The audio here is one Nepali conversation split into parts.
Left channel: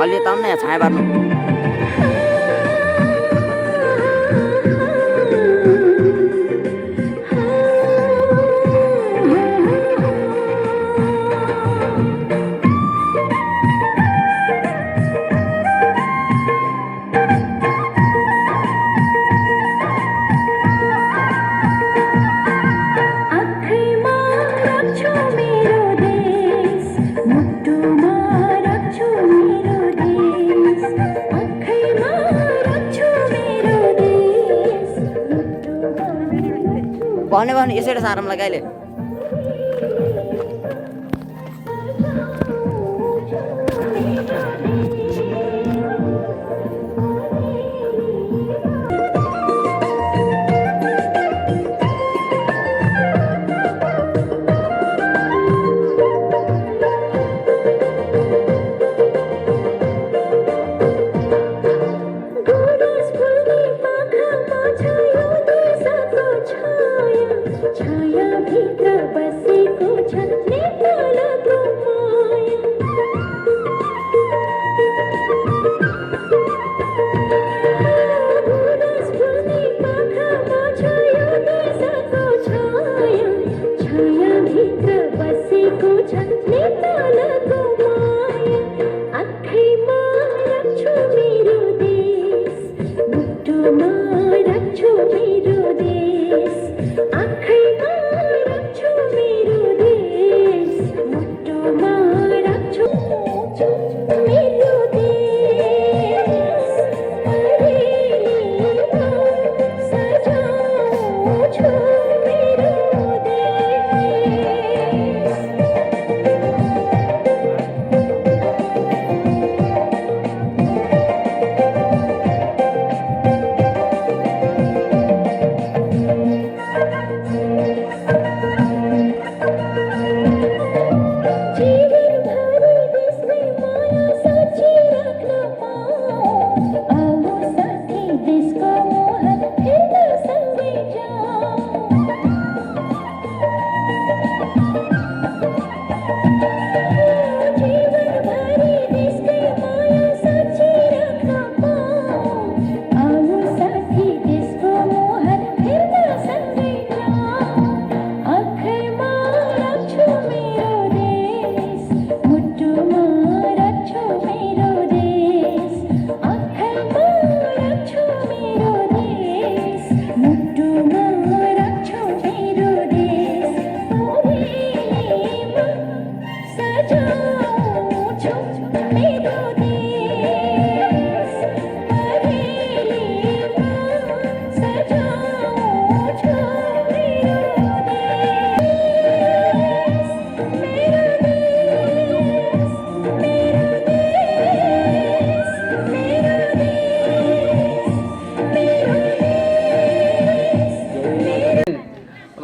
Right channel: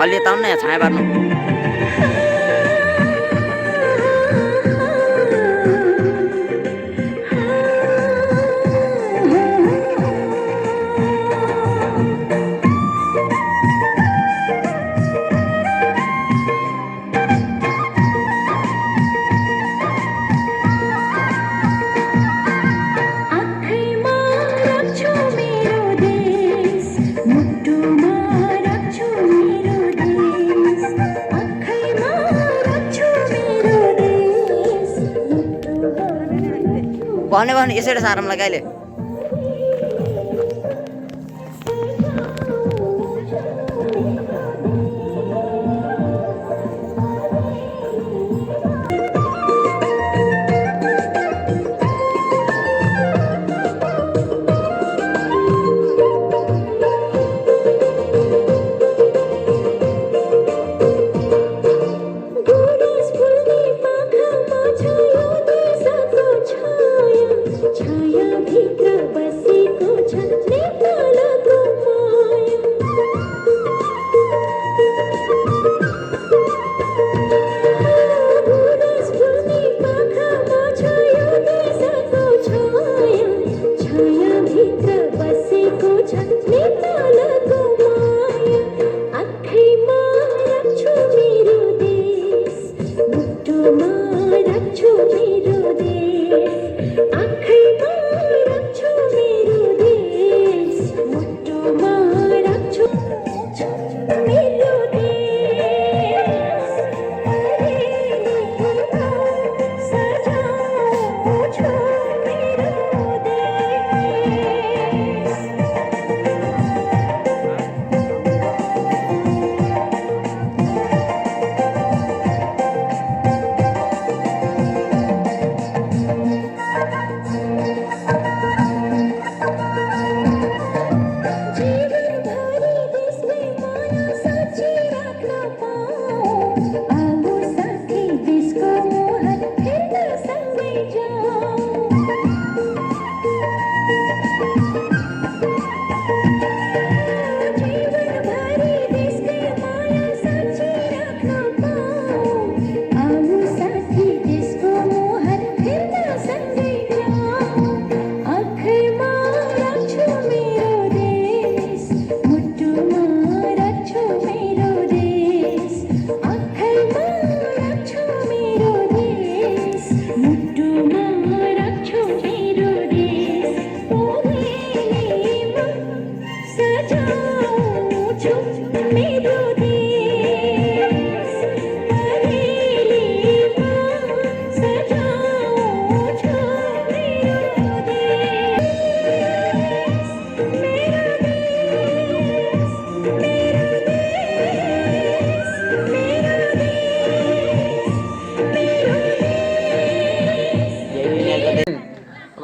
अलि यता आउनु न, यहाँ छाया पार्नु। भने भने यसैले सारम लगाइले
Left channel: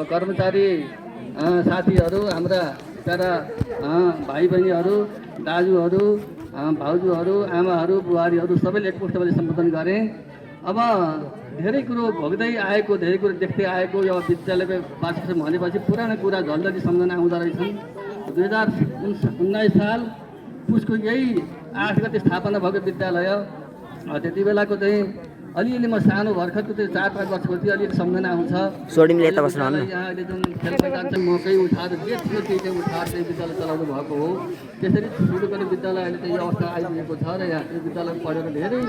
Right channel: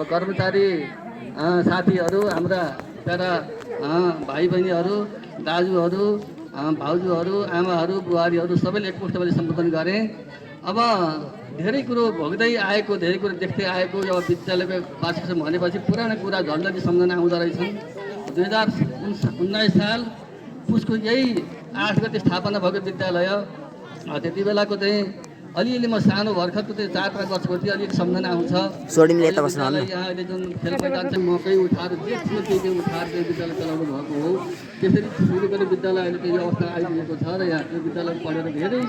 कर्मचारी साथीहरू, हाम्रा प्यारा भाइ बहिनीहरू, दाजुहरू, भाउजूहरू, आमाहरू, बुहारीहरू सबैले एकमुष्टले सम्बोधन गरेँ। अब धेरै कुरो भोग्दै आएको, धेरै कुरो देख्दै आएको यो विद्यालयको वार्षिकोत्सव भनेपछि पुरानो कुरा झन्झटी सम्झना आउँदो रहेछन्। 2019 साल पुसको यही 8 गते स्थापना भएको विद्यालय, त्यति बेलाको चाहिँ अलिअलि म सानो भर्खरको चाहिँ 4-5 वर्षको थिएँ, अलिक सम्झना आउँछ। यहाँ अहिले जुन खेल मैदान चाहिँ मकै उठाएर जे थियो त्यही चाहिँ उठाएर चाहिँ विद्यालय चलाउनु भएको हो। त्यसरी ठुलो विद्यालय अहिले चाहिँ यो अवस्था आइपुगेको छ र यहाँ यो विद्यालय पढेर धेरै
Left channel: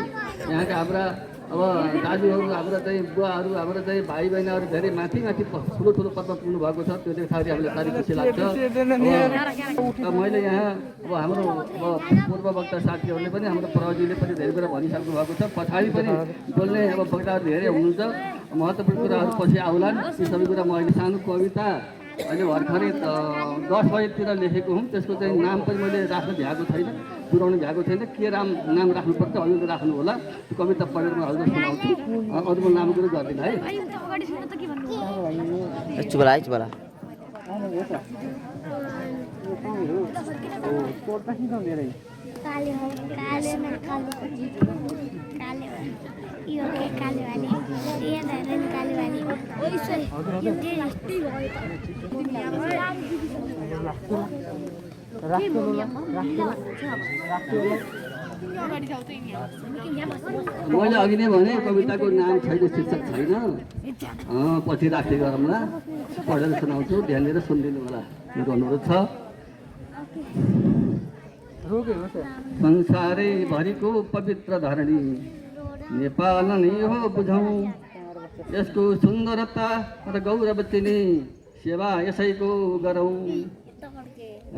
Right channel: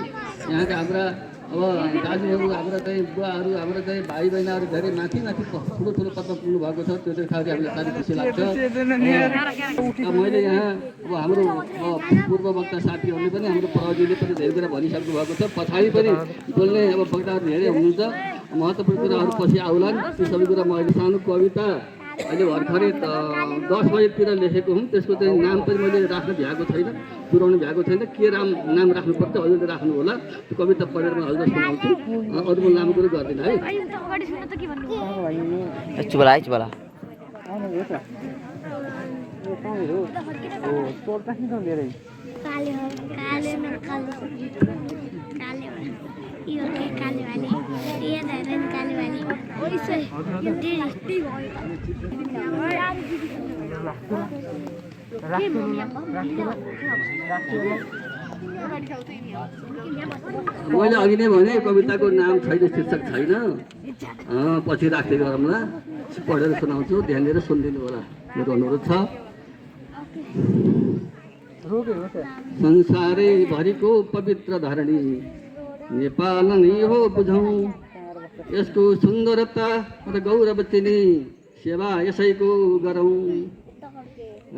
यहाँका हाम्रा अब दाजुहरू, हाम्रो चाहिँ बुवाहरू, हाम्रो चाहिँ भाइ बहिनीहरू धेरै माथि ठुलो पदमा पुग्नु भएको छ। त्यो देख्दाखेरि हामीलाई साह्रै खुसी लाग्छ। मैले यहाँ अब हाम्रो पूर्ववक्ता साथीहरूले पनि, हाम्रो पाहुजीले पनि धेरै कुरा भनिसक्नु भएको छ। पछाडि पनि बोल्ने अब वक्ताहरू धेरै हुनुहुन्छ, महत्त्वपूर्ण कुराहरू पछि आउलान्। त्यो सबै कुरा म अहिले सानो कविता अहिले भर्खरै 10 बजेतिर लेखेको हुँ। त्यसको चाहिँ नाम पनि मैले राख्नु भ्याएको छैन, पुऱ्याउनु भ्याएको छैन। के नाम राख्नुपर्छ अहिले राख्नु होला। त्यो कविता पढेर म हजुर सुनाउँछु, अरू म लामो कुरो गर्दिनँ है। मैले अघि नै भने कविताको नाम छैन, शीर्षक छैन, पछि राख्दै गरौँला, पढेर सुनाउँछु, ध्यान दिएर सुनिदिनु होला, मेरो अनुरोध छ। संसारैभरिको पवित्र धरणी नेपाल नै हो बुझौँ, यसको सुन्दरता र गौरव चिनी सेवा यसैको गरौँ।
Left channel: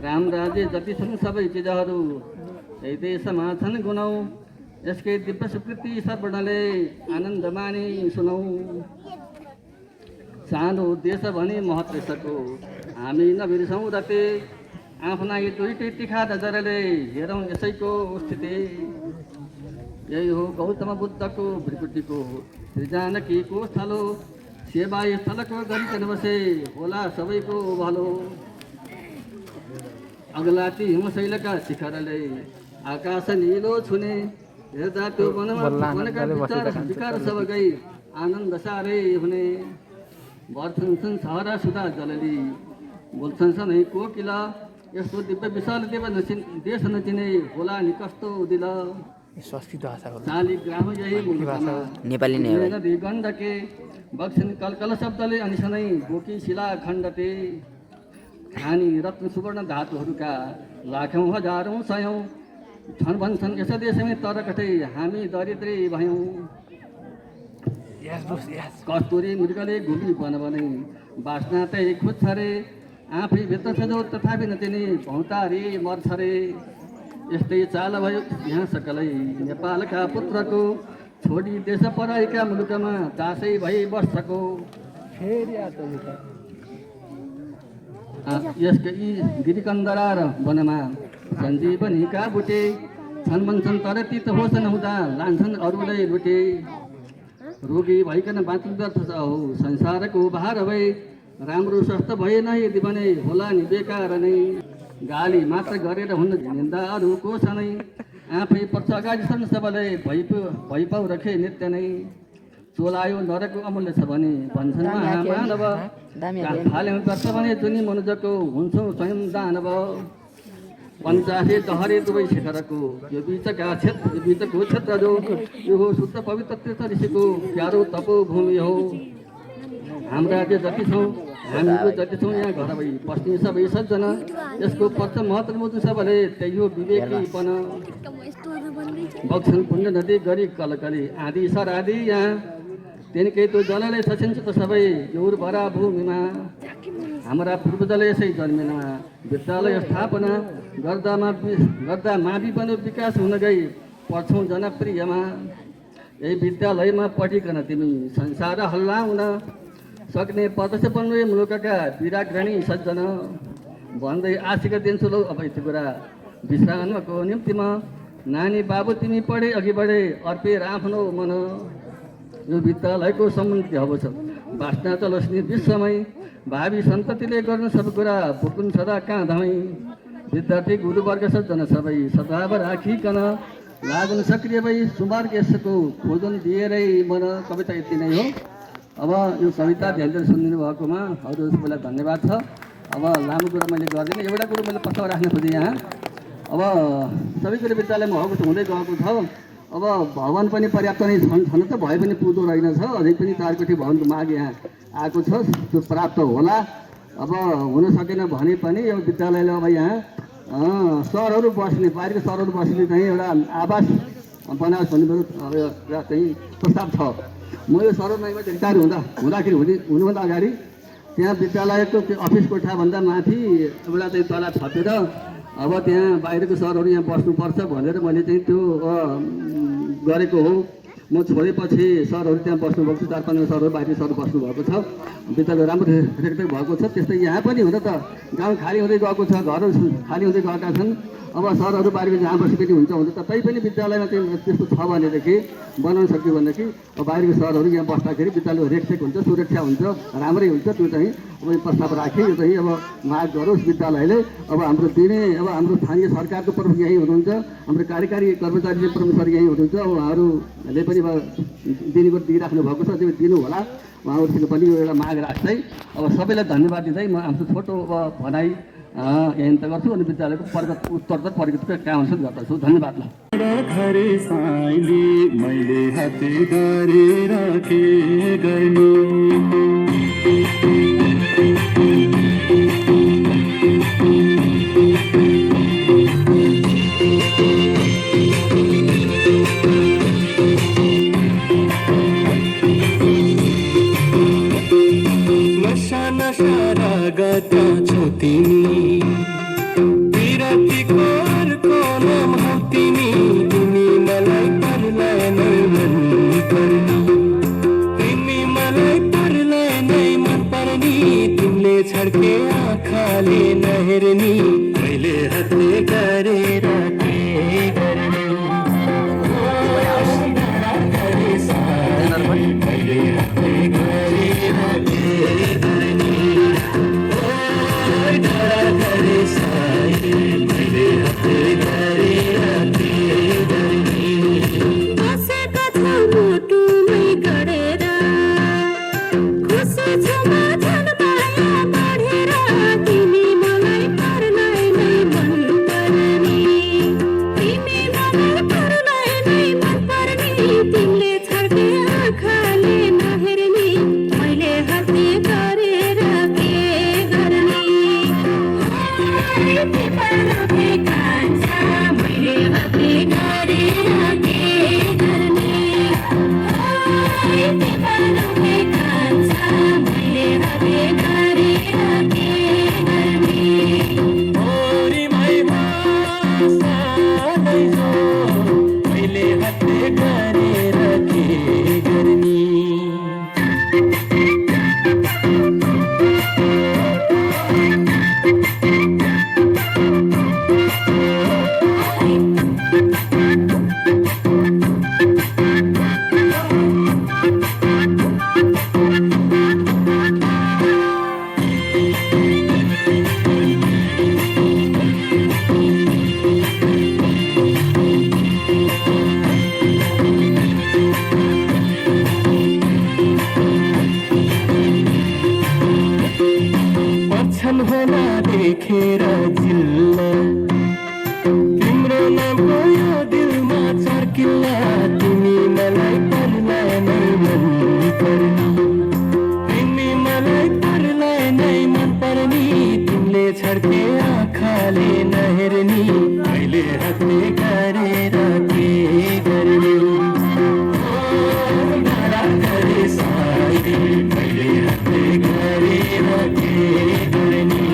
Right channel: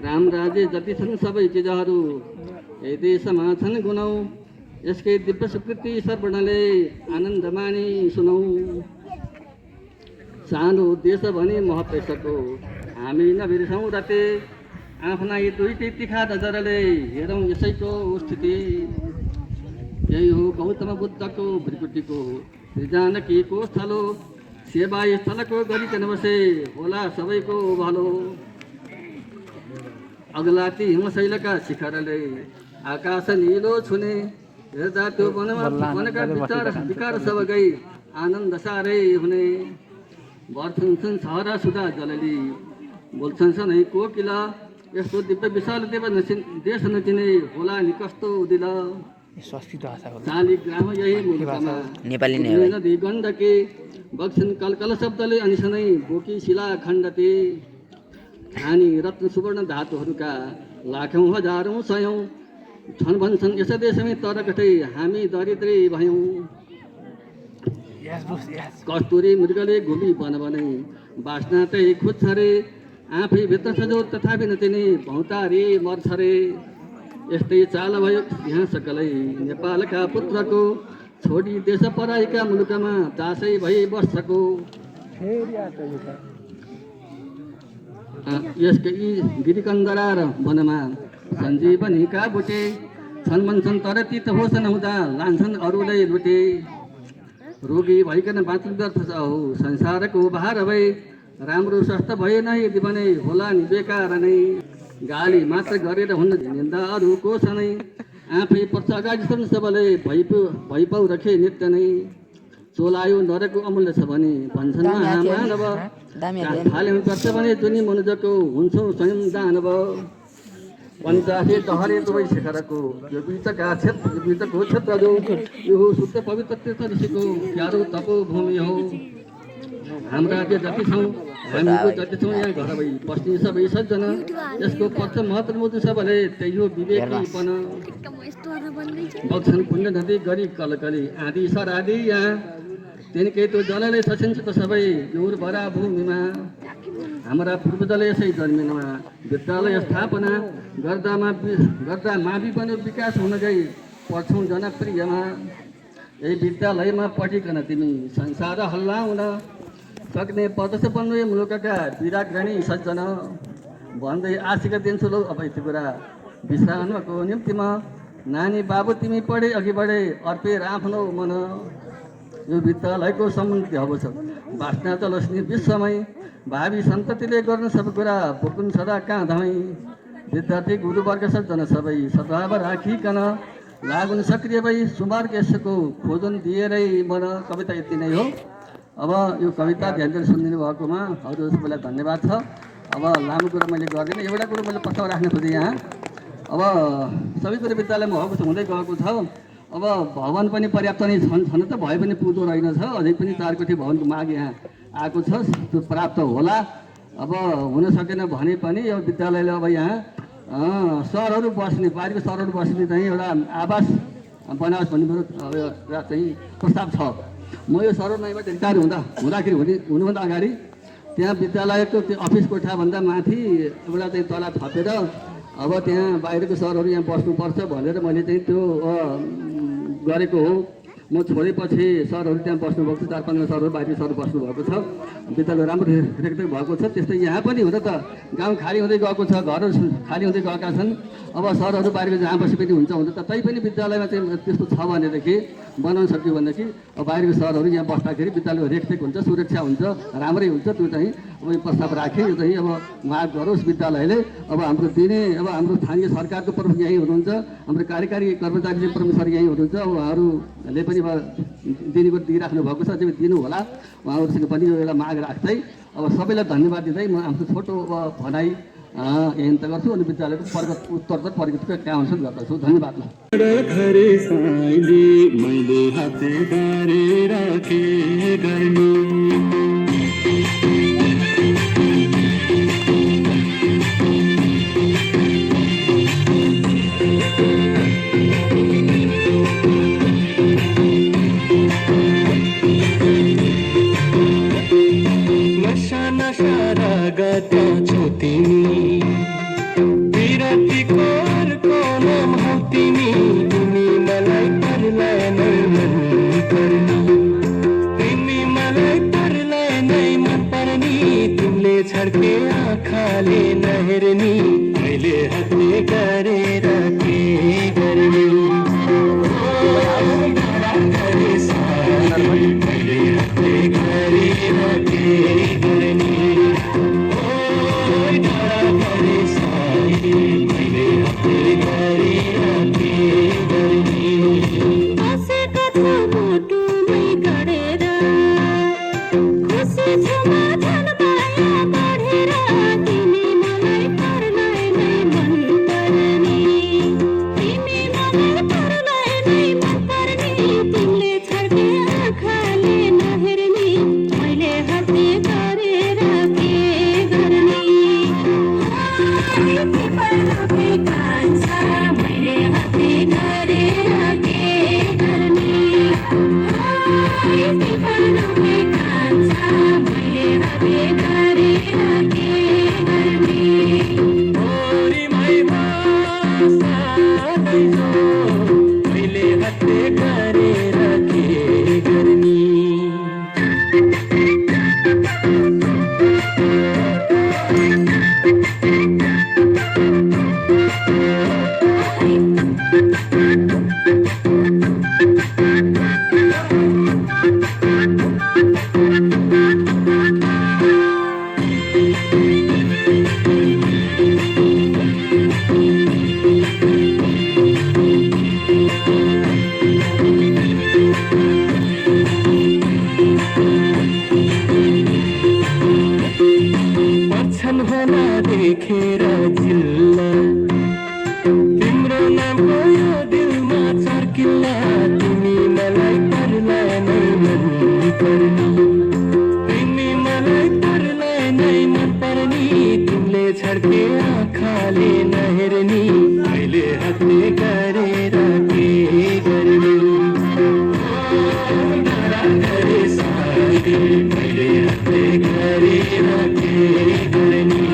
राम राज्य जति छन् सबै चिजहरू यही देशमा छन् गुणौँ, यसकै दिव्य स्वीकृति सर्वणले आनन्द मानि सुनौँ। सानो देश भने महत्त्व यसको हामी नबिर्सौँ रते, आफ्ना दुईटै तिखा नजरले हेरौँ यसैको स्थिति। यही हो गौतम बुद्धको भृकुटीको जानकीको स्थल हो, सेवा स्थलको गरिकन बसे होला सबैको भलो। अग्लाती हिमशैलका शिखरले आकाश निलो छुने, हेर्दा त्यो वनका विकार सब गई आनन्द साह्रै हुने। वर्षन्छन् सहरा सुधा जलली, बोल्छन् सधैँ कोकिला, यस्तो दिव्य विशाल देव देश नचिने होला नि कस्तो दिल। शालिग्राम यही मुलुकमा नेपाली नदी गण्डके, बग्छन् कलकल शब्दले अनि सधैँ बोकी शिला खण्डते। खानी रत्न सुवर्ण धातुहरूका लाखौँ हजारौँ सयौँ छन् भन्छन् यस देशमै, तर कतै हामी दरिद्रै भयौँ। कस्तुरी मृगले घुमी बनबनै बाँच्न त्यही खोज्छ रे, आफै भित्र छ जो तथापि नचिने भौतारी मर्छ रे। यस्तै चाल भयो यहाँ सकलै नेपालका पुत्रको, छोडी देश पराएका मुलुकमा चासै भई वर्षको। यसकै यी गिरिकन्दरा र वनमा सञ्जीवनीका बुटे छन् भन्छन्, तर तीत होस् नहुँदा लान्छन् अरूलाई लुटे। रोगी भइकन बाँच्नु व्यर्थ छ हो संसारको भार भए, राम्रो स्वस्थ भएन यदि भने होला नि बेकार नै। गाली मात्र गरेर हुन्न निन्दा अरूको छ नै, आफै पर्छ अगाडि छन् सबले भइपाउ रखे नित्य नै। चोलायो नरको अमूल्य छ भने भन्छन् महामानव, थाल्यौँ पर्छ भने जुनी मनुजको हुन्छौँ स्वयं दानव। पञ्चासे डहरे दुवै शिखरको यो बिचको क्षेत्र जो, यो हो शुद्ध पवित्र तीर्थ ऋषिको प्यारो तपो भूमि हो। हाम्रा राज्य जति छौँ हामीको जति छौँ यहाँ घर भई बस्ने सबै सज्जना, यसको पक्ष महत्त्व बुझ्नु सबले त्यही हो विवेकीपन। बग्छन् पुण्य नदी गरी कलकली आदि सरादी यहाँ, तिनकै त्यो जलले सचिन्छ त सबै यो उर्वरा भूमिमा। हाम्रा पूर्वजले यसै जन्मिनमा विद्यालय स्थापना गर्दा मावि पनि विकास हुन गई पढ्छौँ जनप्रियमा। यही विद्यालयमा पढिकन तिमी संसार हल्लाउन सक्ने पर्दछ बन्नु यो मुलुकका विराग्रणी सज्जन। भन्दै आशिक दिन्छु लौ अब यति कुरा विश्रामको निम्तिमा, नानी बाबु तिमी पढे अघि बढे अर्पेर आफ्नो मन। यो विद्यालयको सम्बन्धी अब छ बाँच्न चलोस् नि विश्वमै, भावी सन्ततिले गर्न सब कुरा भुकुन् सदा कहाँ धमै। विद्यार्थी गुरुवर्ग सज्जन सबै सद्भाव राखिकन, लागुन सक्रिय भई सुमार्ग यसको खोजन दिएरै मन। कविता यति नै हो। अब यो कविता ध्यान दिएर सुनिदिनु भएकोमा हजुर सबैलाई धन्यवाद छ। अब लामो कुरो मैले गर्दिनँ, एउटा कुरो मैले प्रस्ताव राख्न खोजेँ यहाँ। अब सबै कुरो विद्यालयमा भएको छ, हुँदै गएको छ। अब भवन पनि पर्याप्त नै छन् त, भए पनि पुग्दो रहेनछ। अझै पनि 4 कोठी भवनको माग यहाँ आएको छ, त्यो प्राप्त होला। अब हुन सकेन भने पनि यो विद्यालयले अब यहाँ सरहरू बस्ने, बाहिरको सरहरू बस्ने चाहिँ एउटा आवास बनाओस् भन्ने मेरो एउटा चाहिँ प्रस्ताव छ। म यो सरहरूमाईबाट रिटायर हुँदाखेरि हुनुभन्दा अगाडि त्यहाँ विद्यालयको त्यो अफिस कोठाभन्दा माथि एउटा चाहिँ तला थपेर अब त्यहाँ बाहिरको सरहरू यहाँ बस्नुपर्छ भनेर मैले चाहिँ त्यो गरेको हो। म छोडेपछि सरहरू त्यहाँ बस्नुभएको छ, 4-5 सरहरू बाहिरी सरहरू बस्नुभएको छ। विद्यालय राम्रो रेखदेख भएको छ। त्यस्तै यहाँ पनि हुँदा त गाउँ खाली हुँदै गएको छ, घरहरू खाली हुँदै गएका छन्। अब सरहरू बाहिर जहाँ बसे पनि हुन्छ त, तैपनि विद्यालयमा चाहिँ त्यस्तो छ भनेदेखि बनाउन सक्यो भनेदेखि अब बाहिरको सरहरू यहाँ बस्दाखेरि विद्यालयको रेखदेख हुन्छ, सुरक्षा हुन्छ, राम्रै हुन्छ। त्यो चाहिँ अब यो प्रस्ताव राखेँ। यो चाहिँ अब माग गरोस् विद्यालयले। अब हाम्रो दिने अब हाम्रो स्थानीय सरकारको प्रमुख यहीँ हुनुहुन्छ, हाम्रो कार्यकारी कर्मचारी प्रमुख सर यहीँ हुनुहुन्छ। अब उहाँहरूले पनि दिने दिइराख्नु भएको छ, अझै दिनु होला। उहाँहरूसँग पनि यो एउटा माग राख्दै अब सबैलाई धन्यवाद दिँदै म आफ्नो छोटो भनाइ यहीँ त गर्छु अनि विद्यालयको उत्तरोत्तर प्रगतिको कामहरू गर्दछु। धन्यवाद। धारा घरे साइली मैले हाते गरेर के गर्ने नशा नशा रगत छौ तिमी विरतीको अर्को नाम हौ तिमी तिमी मलाई परलाई नै मन पर्ने तिमी मलाई परलाई नै मन पर्ने तिमीले छड्के आँखाले नहेर्ने मैले हातले गरेर के गर्ने मैले हातले गरेर के गर्ने देखेर जिल्ला तिम्रो नाम यो दिलमा चर्किल्ला तिमी मलाई परलाई नै मन पर्ने तिमी मलाई परलाई नै मन पर्ने तिमीले छड्के आँखाले नहेर्ने मैले हातले गरेर के गर्ने धराधरी साथी मैले हातले गरेर के गर्ने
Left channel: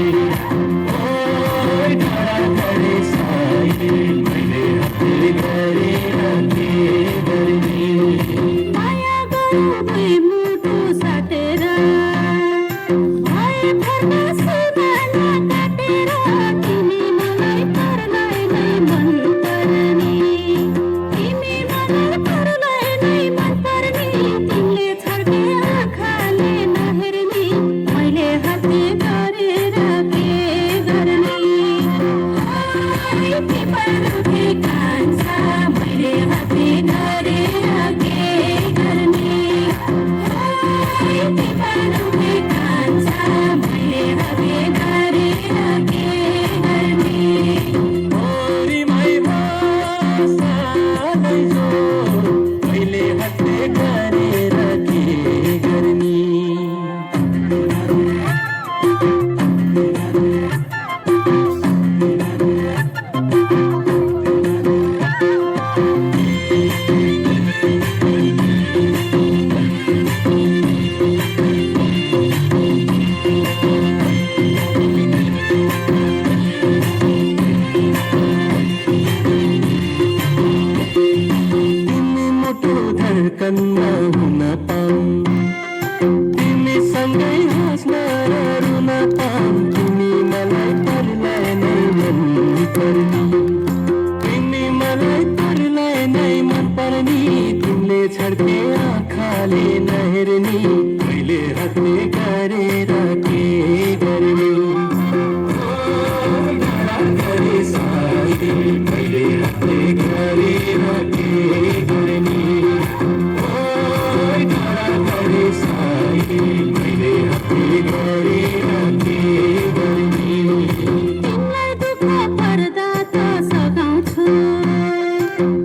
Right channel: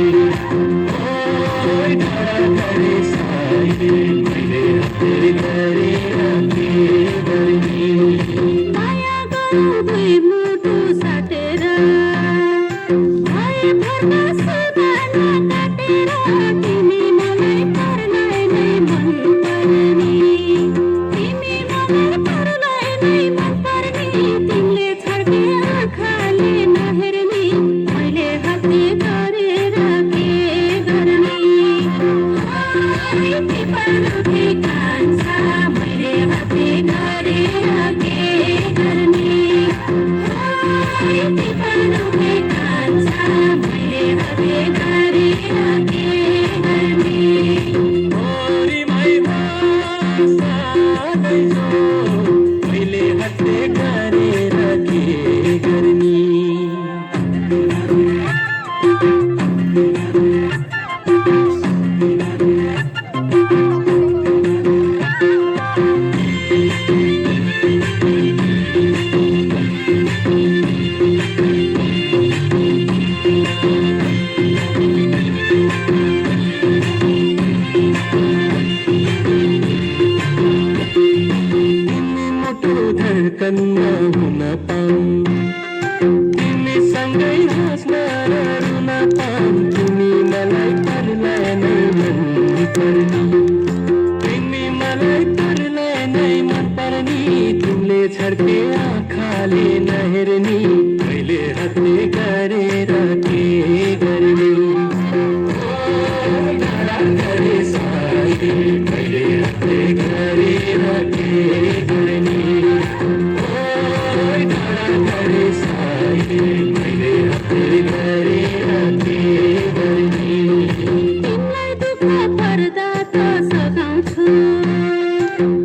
पर्दा त सघाउँछु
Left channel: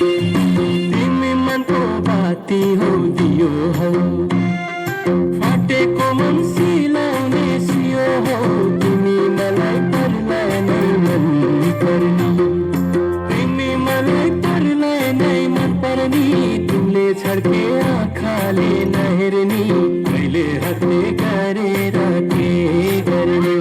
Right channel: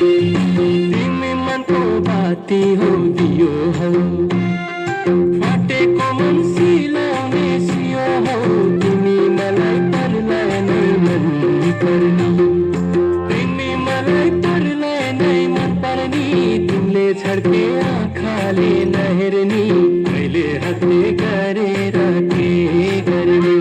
तिमी मनको बाती हौ दियो हौ फाटेको मन सिलाउने सियो हौ तिमी मलाई पर्लाई नै मन पर्ने तिमी मलाई पर्लाई नै मन पर्ने तिमीले छड्के आँखाले नहेर्ने कहिले हत्ने गरेर के गर्ने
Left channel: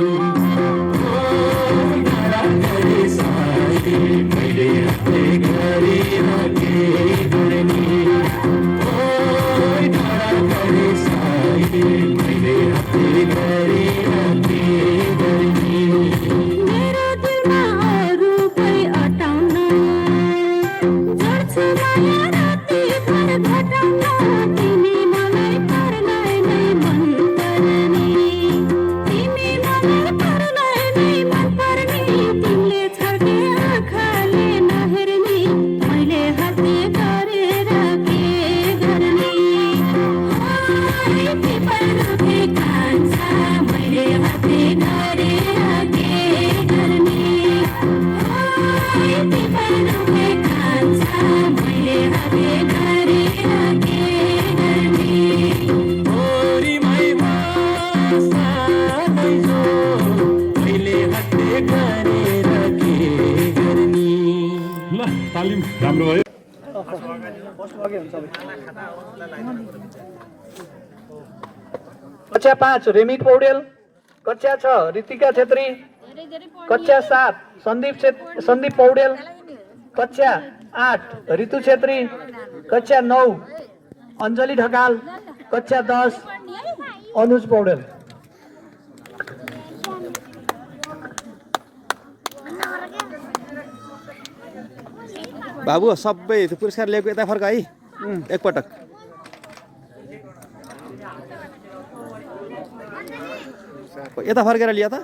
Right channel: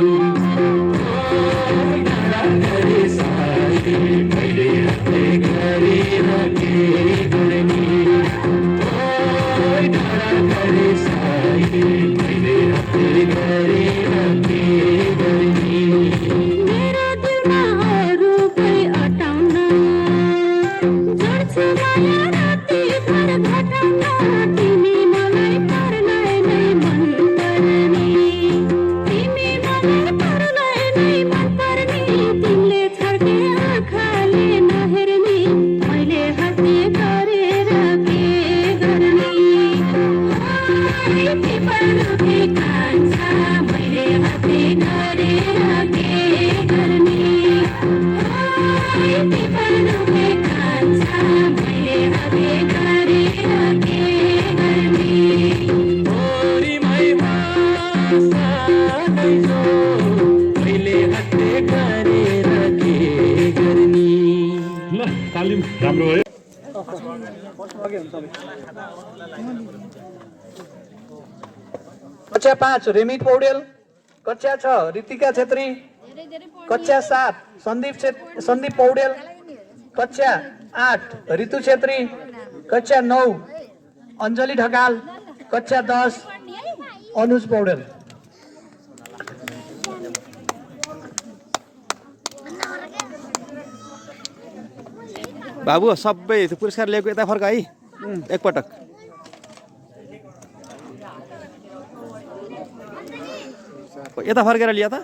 कहिले हत्ने गरेर के गर्ने कहिले हत्ने गरेर के गर्ने मेरो दिलमा अरूकै अटाउन जोड्छु माया राति भर भटाउन तिमी मलाई पर्लाई नै मन पर्ने तिमी मलाई पर्लाई नै मन पर्ने तिमीले छड्के आँखाले नहेर्ने मैले हातले गरेर के गर्ने तिमीले कान्छ मैले हातले गरेर के गर्ने तिमीले कान्छ मैले हातले गरेर के गर्ने ओरीमै भाषा दैजो कहिले हत्ने गरेर के गर्ने ल तालिम राम्रो भयो कक्षा 5 रेमित पौडेल, कक्षा 6 रितिका छेत्री, कक्षा 7 सन्दीप पौडेल, कक्षा 8 ऋतु छेत्री, कक्षा 9 अञ्जली ढकाल, कक्षा 10 अनुज पौडेल। बाबु सबै त्यो पुरस्कार लिएको यता फर्क है एकपटक यता फर्केर लिया त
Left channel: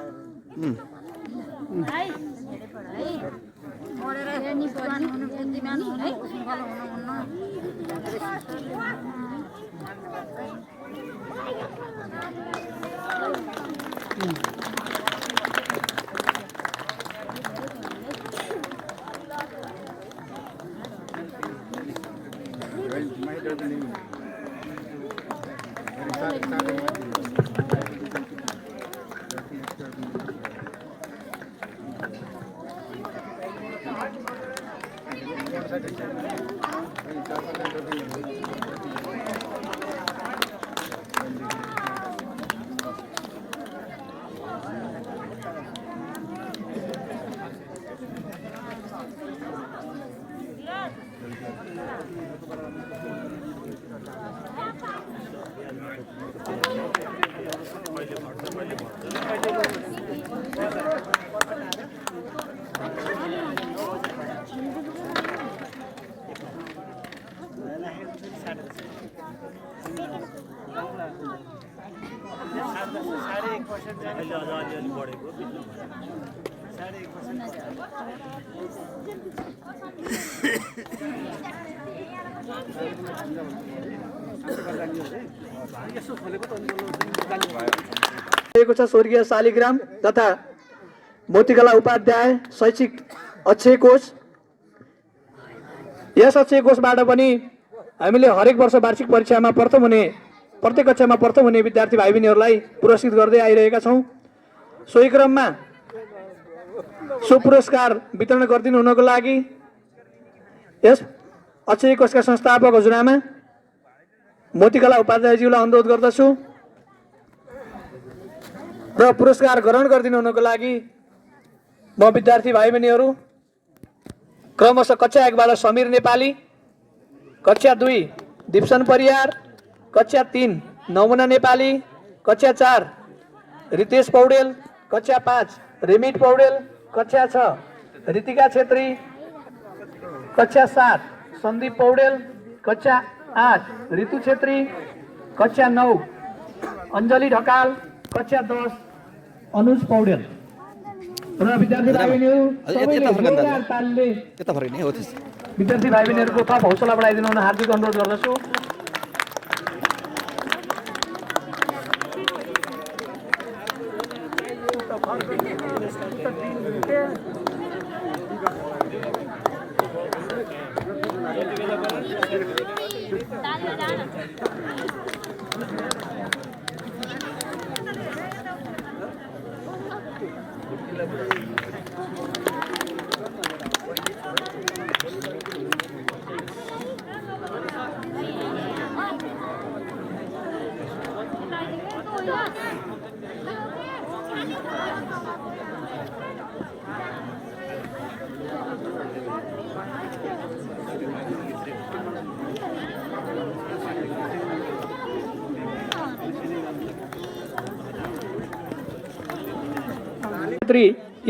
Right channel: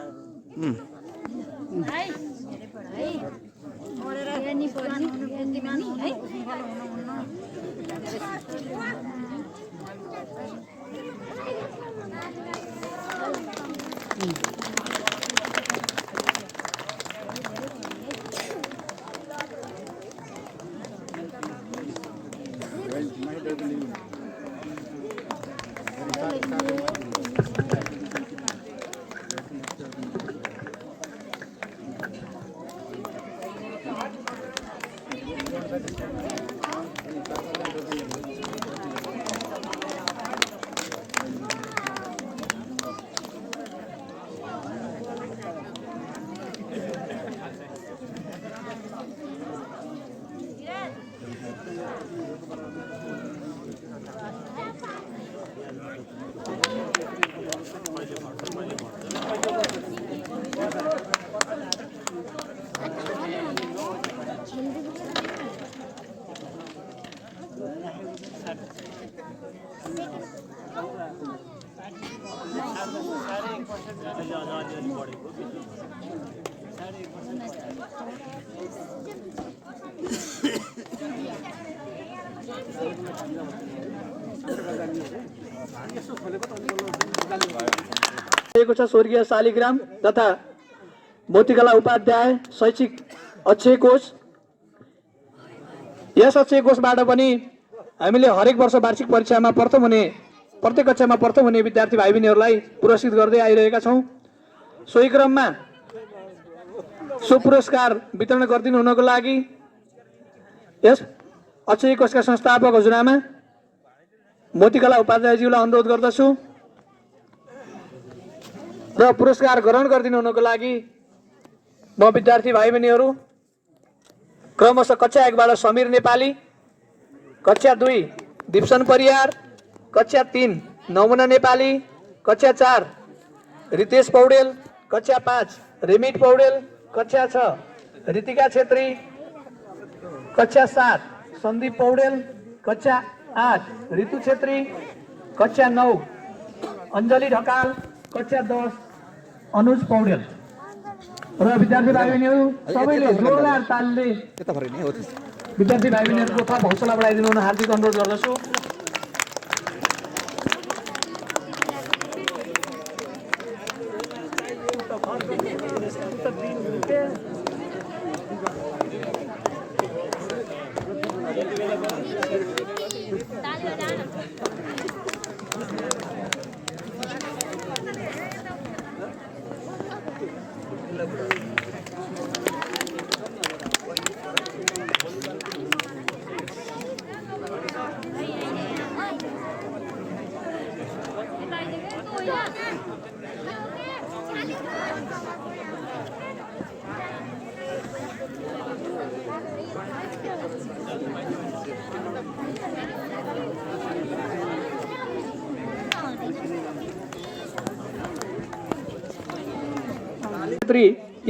स्वर्गीय शालिग्राम तथा मोतीकला उपाध्याय शैक्षिक अक्षय कोष। यस अक्षय कोषबाट पनि हामीले हरेक वर्ष वार्षिक परीक्षामा प्रत्येक कक्षामा प्रथम हुने विद्यार्थी भाइ बहिनीहरूलाई पुरस्कृत गर्दै आइरहेका छौँ। सोही क्रममा सो पुरस्कार वितरण गरिदिनु हुनको लागि यस अक्षय कोषका संस्थापक हजुरआमा मोतीकला उपाध्यायज्यूलाई अनुरोध गर्दछु। र पुरस्कार ग्रहण गरिदिनु हुनको लागि म विद्यार्थी भाइ बहिनीहरू क्रमशः कक्षा 1 बाट समीर नेपाली, कक्षा 2 दिप्सन परियार, कक्षा 3 नमुना नेपाली, कक्षा 4 रितेश पौडेल, कक्षा 5 रेमिट पौडेल, कक्षा 6 रितिका छेत्री, कक्षा 7 सन्दीप पौडेल, कक्षा 8 ऋतु छेत्री, कक्षा 9 अञ्जली ढकाल, कक्षा 10 अनुज पौडेल र विद्यार्थी भाइ बहिनीहरू सबैले जोरदार तालले यता फर्किने हो त्यस्तो विद्यार्थी भाइ बहिनीहरूको थप हौसला बढाइदिनु हुन हार्दिक अनुरोध गर्दछु।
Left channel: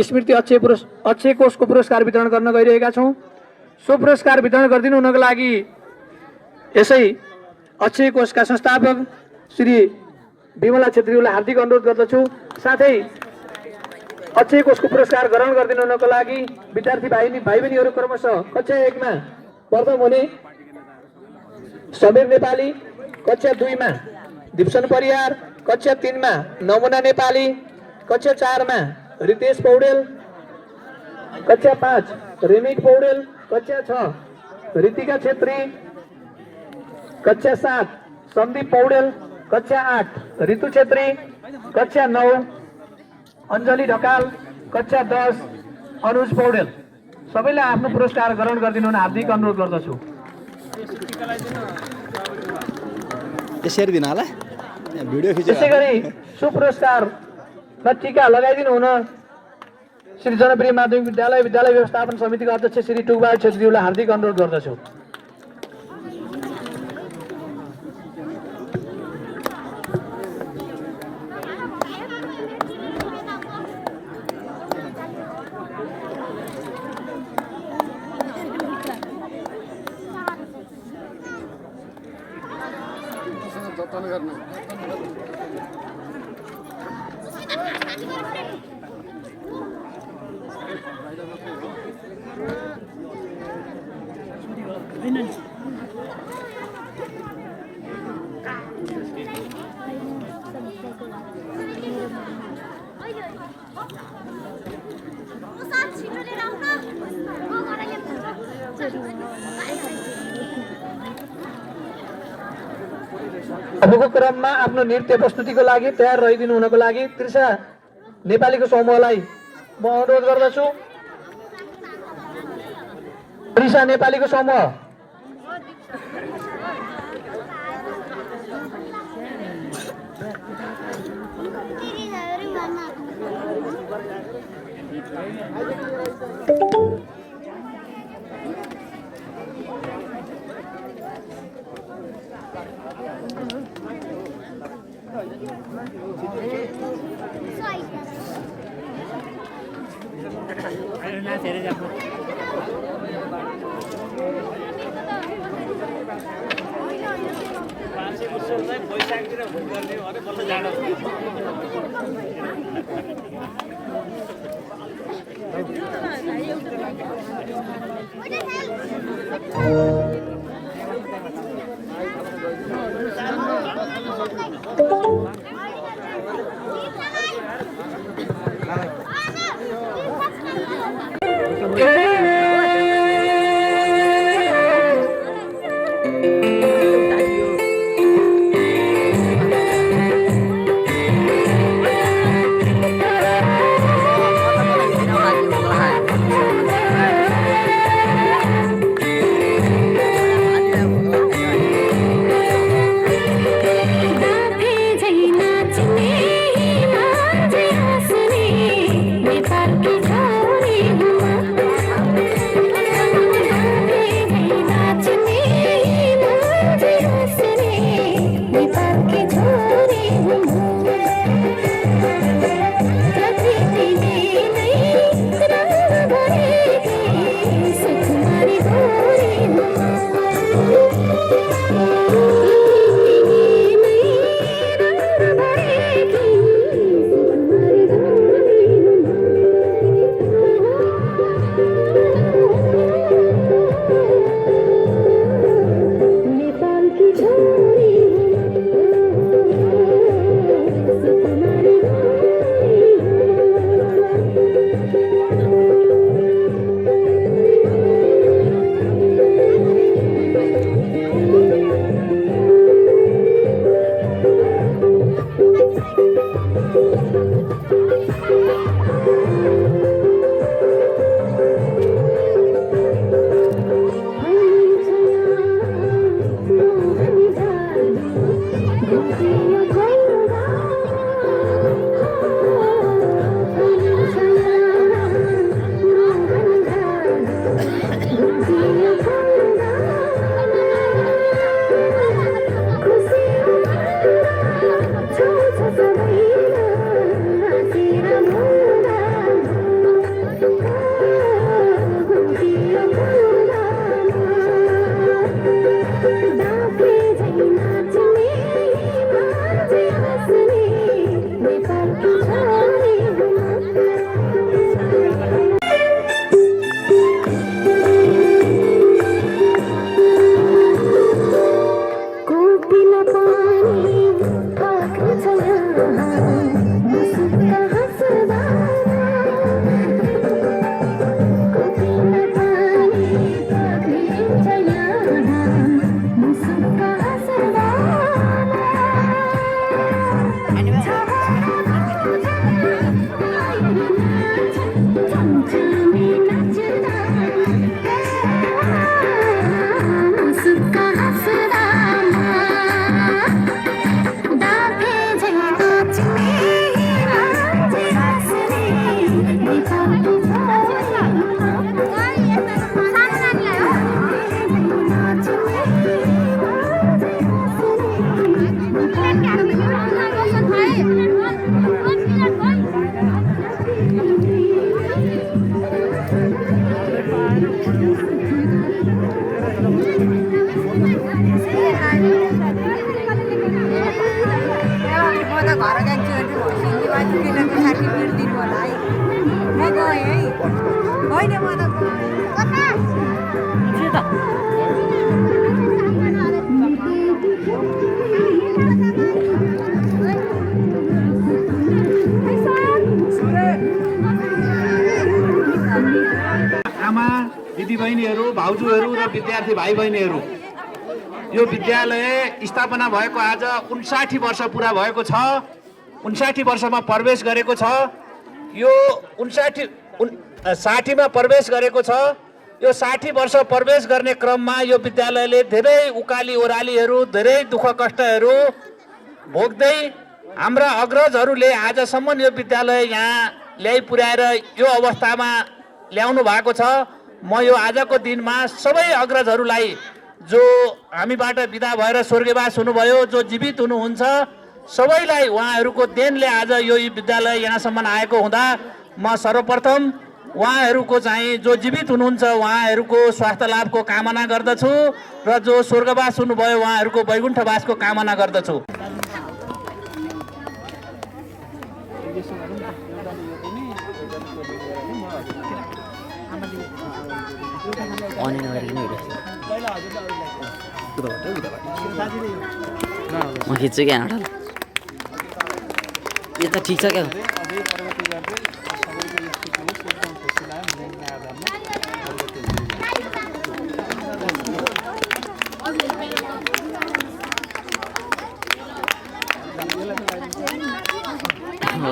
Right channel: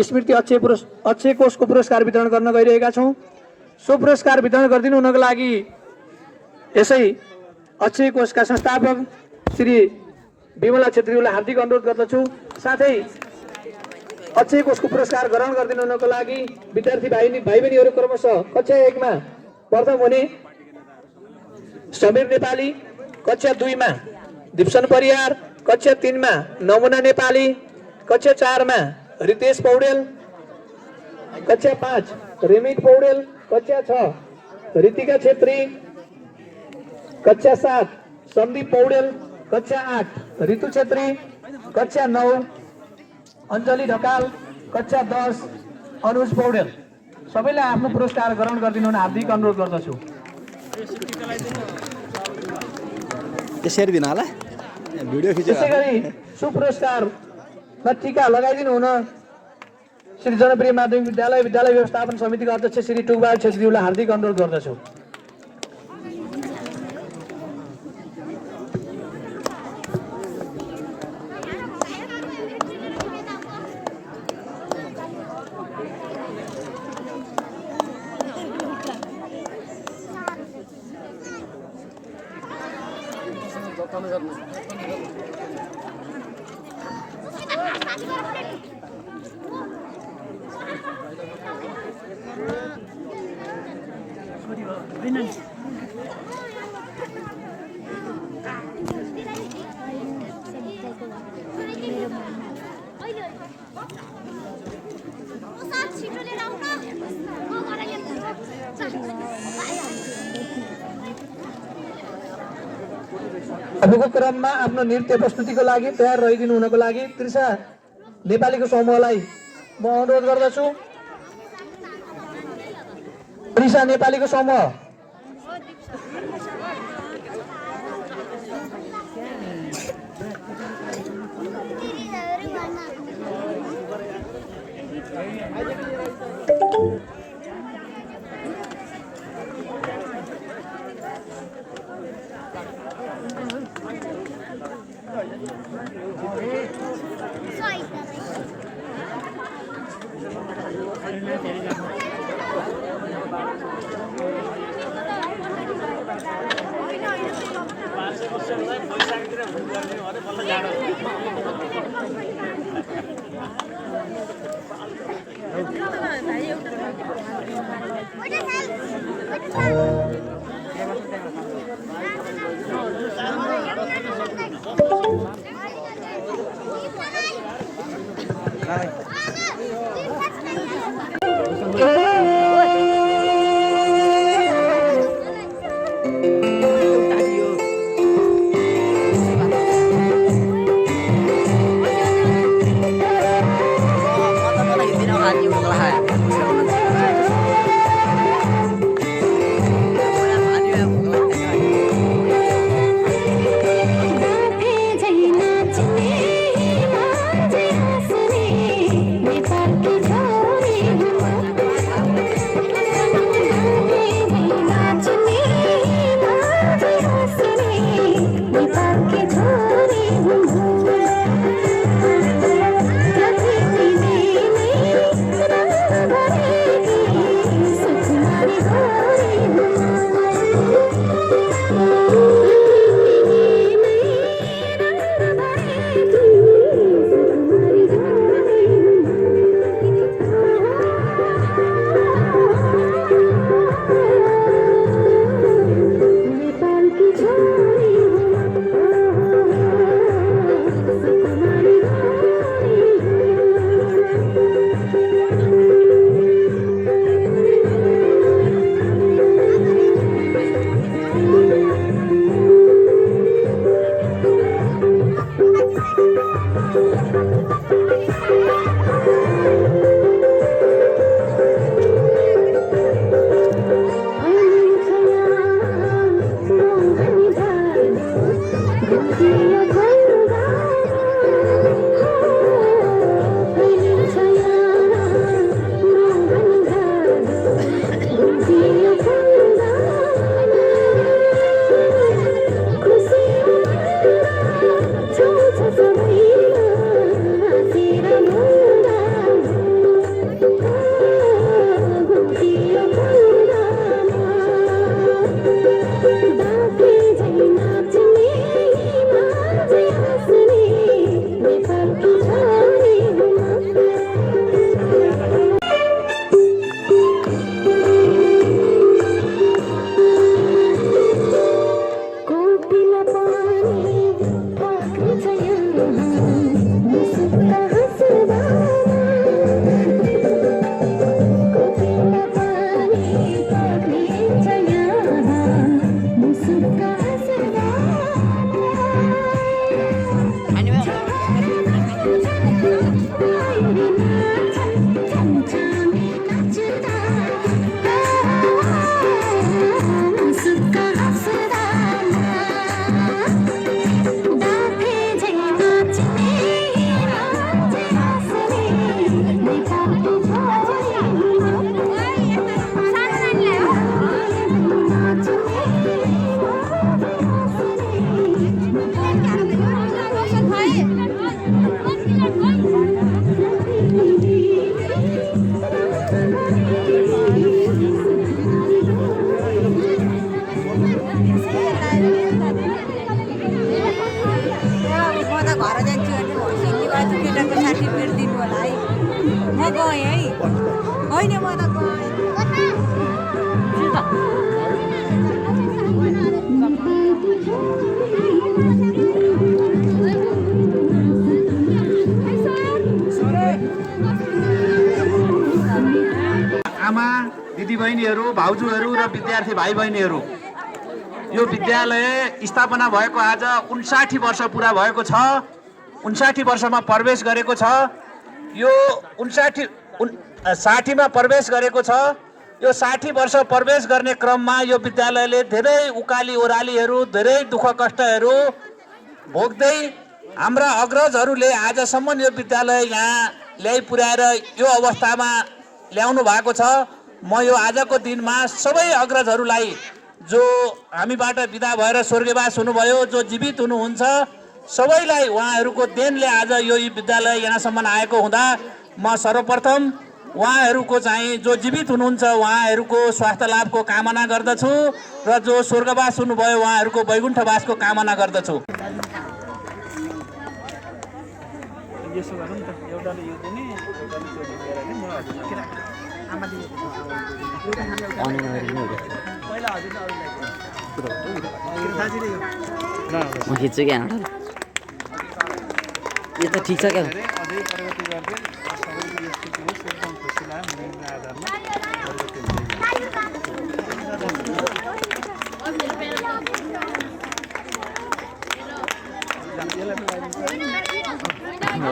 स्मृति अक्षय कोषको पुरस्कार वितरण गर्न गइरहेका छौँ। सो पुरस्कार वितरण गरिदिनु हुनको लागि यसै अक्षय कोषका संस्थापक श्री विमला छेत्रीलाई हार्दिक अनुरोध गर्दछु। साथै अक्षय कोषको पुरस्कार ग्रहण गरिदिनु हुनको लागि विद्यार्थी भाइ बहिनीहरू क्रमशः कक्षा 1 मा प्रथम हुने समीर नेपाली, कक्षा 2 मा दिप्सन परियार, कक्षा 3 मा नमुना नेपाली, कक्षा 4 मा रितेश पौडेल, कक्षा 5 रेमिट पौडेल, कक्षा 6 रितिका छेत्री, कक्षा 7 सन्दीप पौडेल, कक्षा 8 ऋतु छेत्री, कक्षा 9 अञ्जली ढकाल, कक्षा 10 अनुज पौडेल। सबैलाई आफ्नो पुरस्कार ग्रहण गरिदिनु हुन हार्दिक अनुरोध गर्दछु। यसरी दिन होला भिडियो खिचेर त्यसै गरी सो पुरस्कारमा टीका लगाइदिनु हुन श्री जनप्रिय माध्यमिक विद्यालय व्यवस्थापन समितिका अध्यक्ष श्री टुकबहादुर छेत्रीलाई हार्दिक अनुरोध गर्दछु। अबको क्रममा आफ्नो नृत्य प्रस्तुतिको लागि तयार रहिदिनु हुनको लागि त्रिषा नेपालीको समूहलाई म अनुरोध गर्दछु। त्रिषा नेपालीको समूह आमा दिदीबहिनीहरू भाउजूहरू र विद्यार्थी भाइ बहिनीहरू यो विद्यालय स्थापना भएको आज 59 वर्ष पुरा भएको छ 59 वर्षमा प्रवेश गरेको छ यो 60 मा प्रवेश गरेको छ यो 60 वर्ष प्रवेश गर्ने क्रममा यो विद्यालयले धेरै उकाली ओह्रालीहरू धेरै दुःख कष्टहरू भोग्दै हाम्रा अग्रजहरूले आजसम्म यो विद्यालय यहाँ ल्याइ पुर्याएर यो अवस्थामा ल्याउनु भएको छ। म यो आजको दिनमा सबै अग्रजहरूलाई जो हामीबाट बिदा भएर स्वर्गवास हुनुभयो जो जीवित हुनुहुन्छ सबैलाई उहाँहरूको देनले आज यो विद्यालय यहाँसम्म आएको हुँदा म सर्वप्रथम उहाँहरूको चाहिँ जो जीवित हुनुहुन्छ उहाँहरूको स्वास्थ्य लाभको कामना गर्दछु र जो स्वर्गवास हुनुभयो उहाँहरूको वैकुण्ठवासको कामना गर्दछु। म खिच्छु क्या यो त ठिक छ क्या हो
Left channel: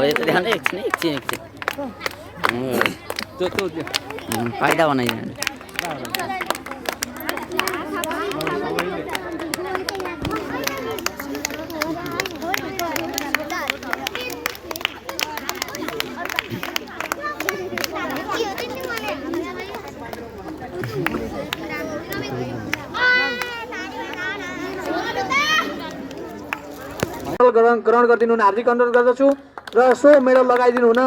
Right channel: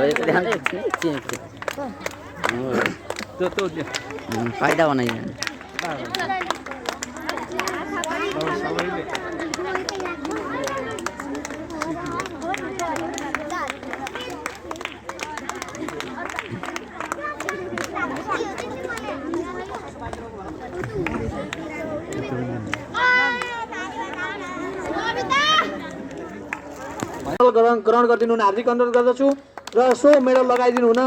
यो त ध्यान एकछिन फाइदा बनाइदिनु ग्रहण गरिदिनु हुन हार्दिक अनुरोध गर्दछु र सो मेडल लगाइदिनु हुन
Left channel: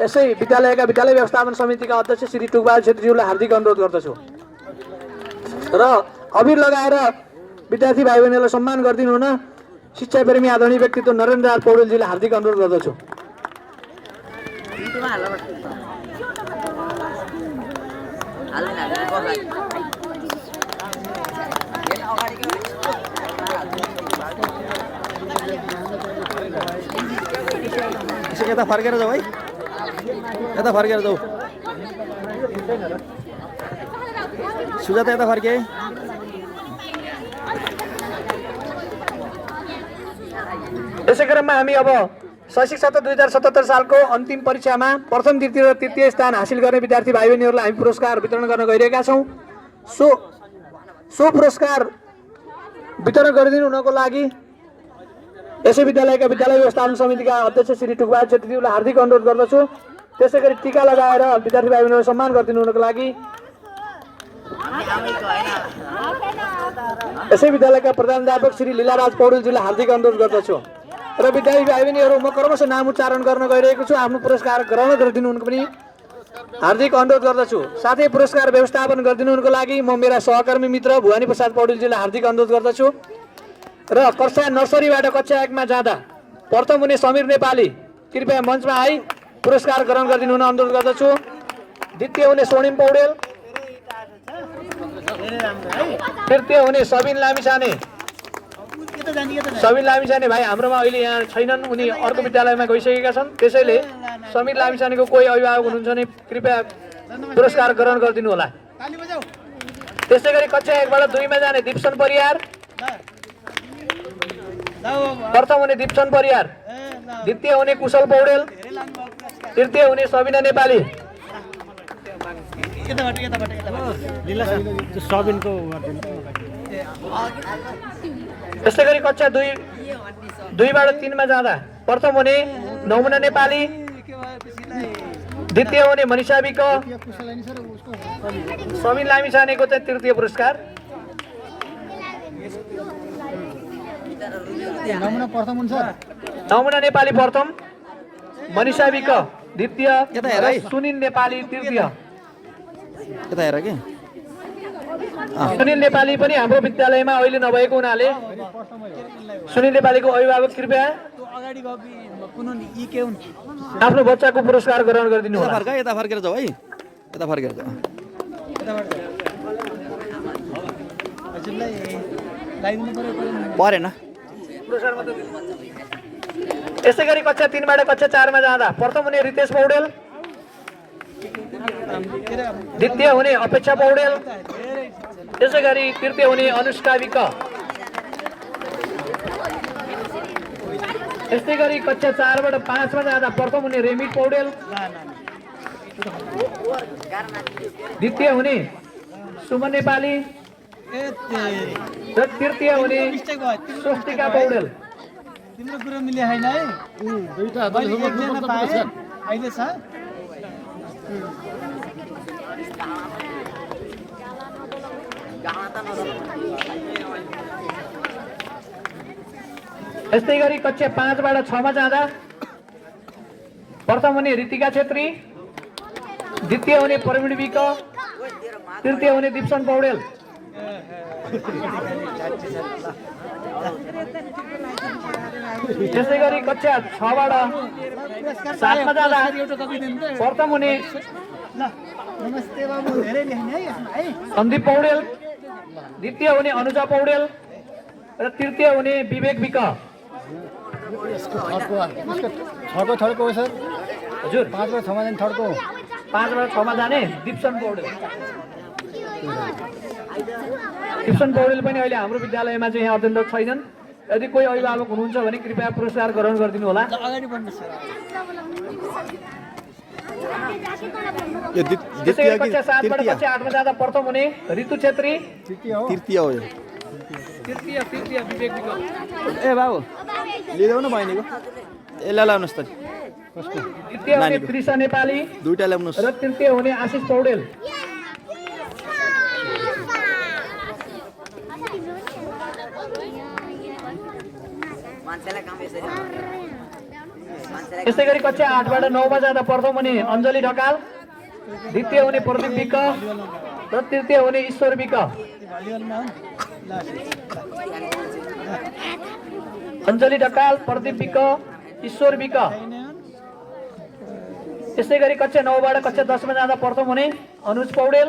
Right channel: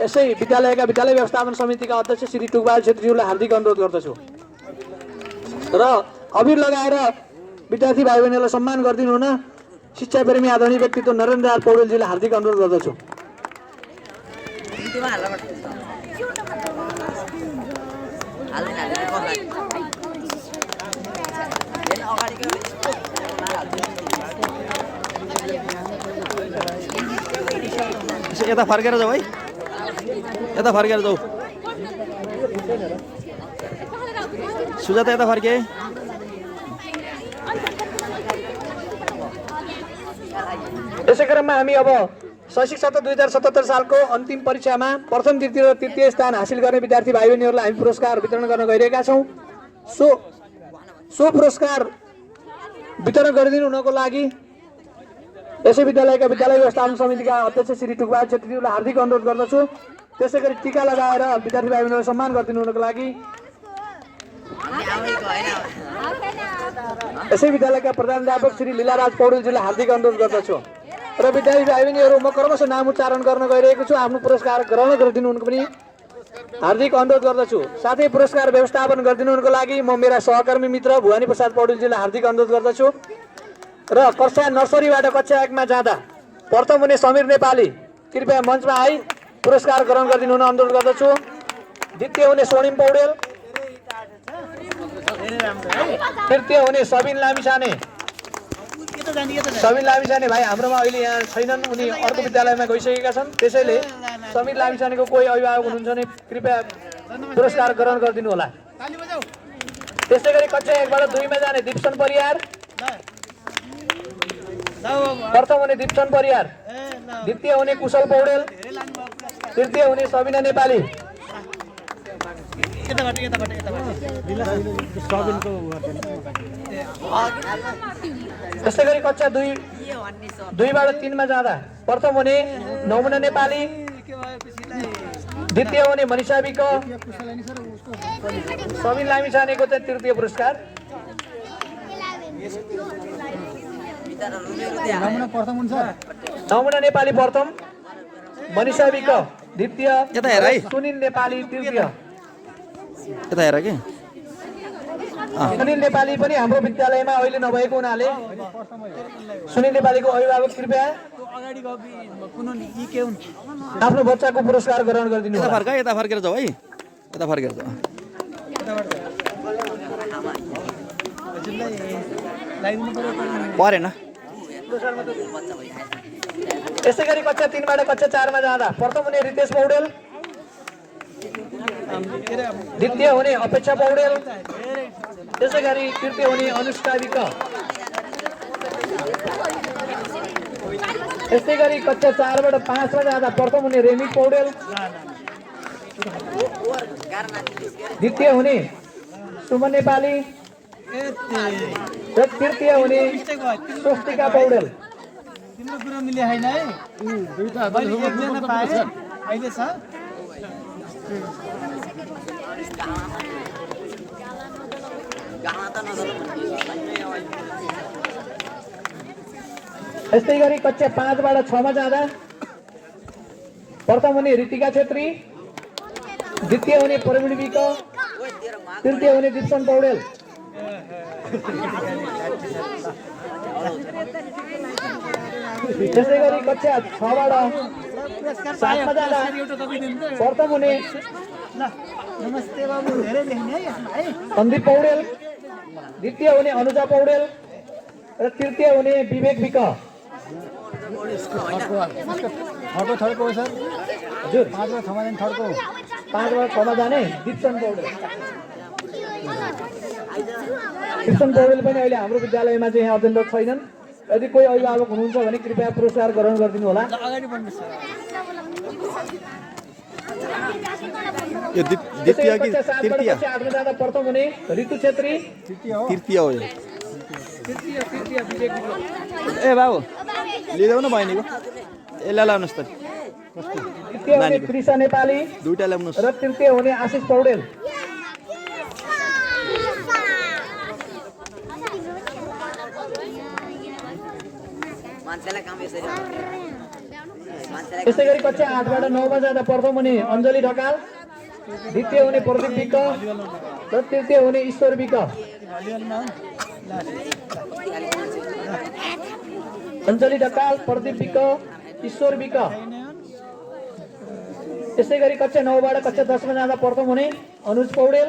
यसै विद्यालयका विद्यालय व्यवस्थापन समितिका अध्यक्ष श्री टुकबहादुर छेत्रीज्यूलाई हार्दिक अनुरोध गर्दछु र अबिर लगाएर विद्यार्थी भाइ बहिनीलाई सम्मान गरिदिनु हुन शिक्षा प्रेमी आदरणीय व्यक्तित्व नरेन्द्र आर पौडेलजीलाई हार्दिक अनुरोध गर्दछु। यता फर्केर जाऊ है यता फर्केर जाऊ सुजाता यता फर्के यसै क्रममा हामी अब शैक्षिक सत्र 2077 सालको अन्तिम परीक्षामा प्रथम द्वितीय र तृतीय स्थान हासिल गर्ने विद्यार्थी भाइ बहिनीहरूलाई हामी पुरस्कार वितरण गर्न गइरहेका छौँ। सो पुरस्कार वितरण गरिदिनु हुनको लागि यसै विद्यालयका विद्यालय व्यवस्थापन समितिका अध्यक्ष श्री टुकबहादुर छेत्रीज्यूलाई हार्दिक अनुरोध गर्दछु। त्यसै गरी टीका लगाएर विद्यार्थी भाइ बहिनीलाई सम्मान गरिदिनु हुनको लागि यसै विद्यालयका प्रधानाध्यापक श्री लीलाराज पौडेलजीलाई हार्दिक अनुरोध गर्दछु। र विद्यार्थी भाइ बहिनीहरू म क्रमशः नाम उच्चारण गर्न गइरहेको छु। आफ्नो पुरस्कार ग्रहण गरिदिनु हुनको पनि हार्दिक अनुरोध गर्दछु। साथै पुरस्कार व्यवस्थापन गरिदिनु हुनको लागि म मेरा सहकर्मी मित्र भुवानी प्रसाद पौडेलजीलाई हार्दिक अनुरोध गर्दछु। र कक्षा नर्सरीबाट कक्षा 1 मा जाँदा प्रथम हुने समीर नेपाली कृपया मञ्चमा आई पुरस्कार ग्रहण गरिदिनु हुन अनुरोध गर्दछु। द्वितीय हुने स्वर्णिम पौडेल, तृतीय हुने सबिन लामिछाने भाइ हाम्रोमा अहिले यहाँ छैनन्, उनी अर्को विद्यालयमा गइसकेका छन्। त्यसैले समीर लामिछानेको कोही अभिभावक हुनुहुन्छ भने कृपया पुरस्कार ग्रहण गरिदिनु होला। त्यसै गरी कक्षा 1 बाट 2 मा जाने दिप्सन परियार, प्रथम हुने दिप्सन परियार, द्वितीय हुने कुशल पौडेल, तृतीय हुने सबिना नेपाली। त्यसै गरी कक्षा 2 बाट 3 मा जाँदा प्रथम हुने नमुना नेपाली, द्वितीय हुने मनिषा विक, सबिन लामिछानेको चाहिँ तृतीय पुरस्कार। नमुना नेपाली प्रथम, मनिषा विक द्वितीय, सुनिल नेपाली तृतीय। यता हेर के सुनिल नेपाली पनि हाम्रो विद्यालयमा अहिले नभएको हुनाले सुनिल नेपालीको अभिभावक कृपया आफ्नो बच्चाको पुरस्कार ग्रहण गरिदिनु होला। यता फर्केर जाऊ है, यता फर्केर जाऊ। परेन। यसै गरी कक्षा 3 बाट कक्षा 4 मा जाँदा प्रथम हुने रितेश पौडेल, द्वितीय हुने अपेक्षा पौडेल, त्यसै गरी तृतीय हुने अनुष्का विक। यसै गरी कक्षा 4 बाट 5 मा जाँदा प्रथम हुने रेमित पौडेल, द्वितीय हुने सुमन नेपाली र तृतीय हुने स्वस्तिका पौडेल। तिम्रो कुरा मिले हैन है, मैले एकजना पाएँ अहिले छ। यस्तै गरी कक्षा 5 बाट 6 मा जाँदा प्रथम हुने ऋतिका छेत्री, द्वितीय हुने प्रवीण विक, तृतीय हुने दिप्सन पौडेल। त्यसै गरी कक्षा 6 बाट 7 मा जाँदा प्रथम हुने नमस्ते बाबु, धेरै लेख्ने है यसमा है। सन्दीप पौडेल, द्वितीय हुने अनुजा पौडेल र तृतीय हुने विवेक विक। छको थर्को हो सर हजुर, 5 मा 6 मा जाने थर्को, 5 बाट 6 मा जाने दिप्सन पौडेल। दिप्सन पौडेल पनि अहिले हाम्रो विद्यालयमा चाहिँ यहाँ अध्ययनरत छैनन्। यदि कोही अभिभावक हुनुहुन्छ भने कृपया पुरस्कार ग्रहण गरिदिनु होला। अगाडि बढ्नु सर। यो द्वितीय कि तृतीय? 8 मा जाँदा प्रथम हुने ऋतु छेत्री, तृतीय हो यो। तृतीय विवेक विक। ए बाबु लिँदैन बहिनीको, यसलाई लाउनुहोस् त। द्वितीय हुने त्रिसा नेपाली, दुईटा ल्याउनुहोस्। र तृतीय हुने आशिष पौडेल। त्यसै गरी कक्षा 8 बाट 9 मा जाँदा प्रथम हुने अञ्जली ढकाल, द्वितीय हुने प्रदीप विक र तृतीय हुने ईश्वर विक। अञ्जली ढकाल, प्रदीप विक, ईश्वर विक। त्यसै गरी कक्षा 9 बाट कक्षा 10 मा जाँदा प्रथम हुने अनुज पौडेल,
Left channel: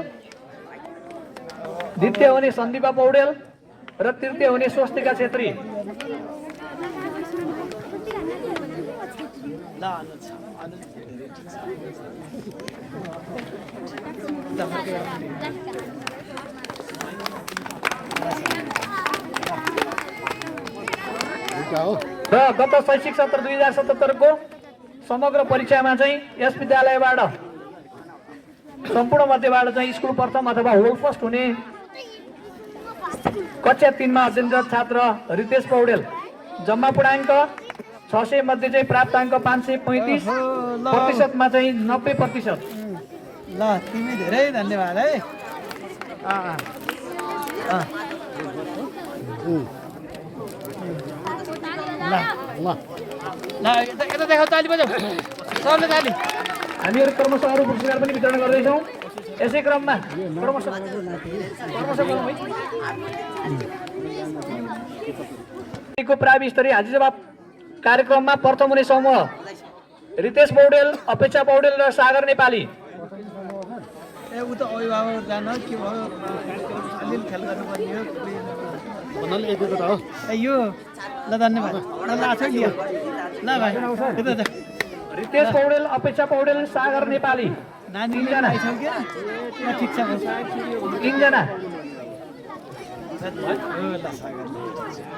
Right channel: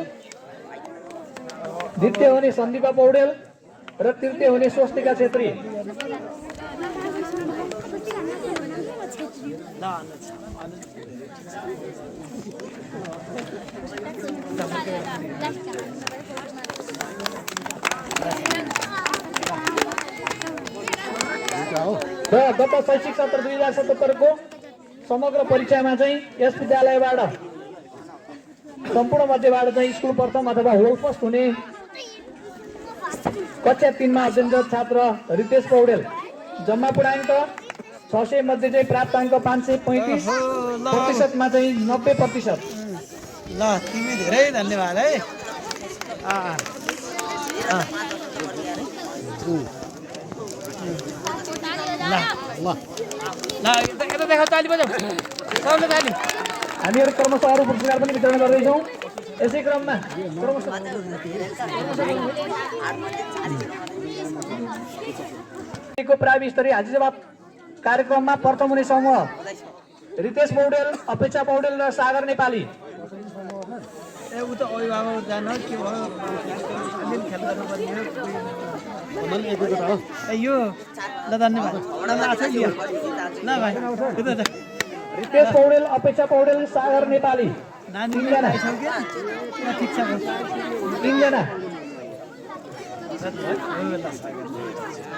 द्वितीय हुने सन्दीपा पौडेल र तृतीय हुने स्वस्तिका छेत्री। र गत शैक्षिक सत्र 2077 को समग्र परीक्षामा चाहिँ यस विद्यालयबाट सम्पूर्ण मध्येबाट चाहिँ स्कुल प्रथम अथवा होल फर्स्ट हुने कक्षा 3 मा अध्ययनरत छात्र रितेश पौडेल जम्मा पूर्णाङ्क 600 मध्ये चाहिँ प्राप्ताङ्क 535% मा चाहिँ 90%। ल तिमी धेरै धन्यवाद है। ल ल ल यता देखाउ ताली बजाऊ सबले ताली। हामीहरू क्रमशः अरू पुरस्कार पनि वितरण गर्दैछौँ। यसै क्रममा प्रावि स्तरीय हाजिर जवाब कार्यक्रममा प्रथम हुने समूह रितेश पौडेल, अपेक्षा पौडेल र सागर नेपाली। ए उ त अभिभावक जान के भयो अलिअलि ख्याल गर्नुपर्ने हो। ए यो ल धन्यवाद ल आछ लियो ल भाइ उता त रितेश पौडेल, अपेक्षा पौडेल, सागर नेपाली नानी आइसक्यो ल ठिक छ 3 जना।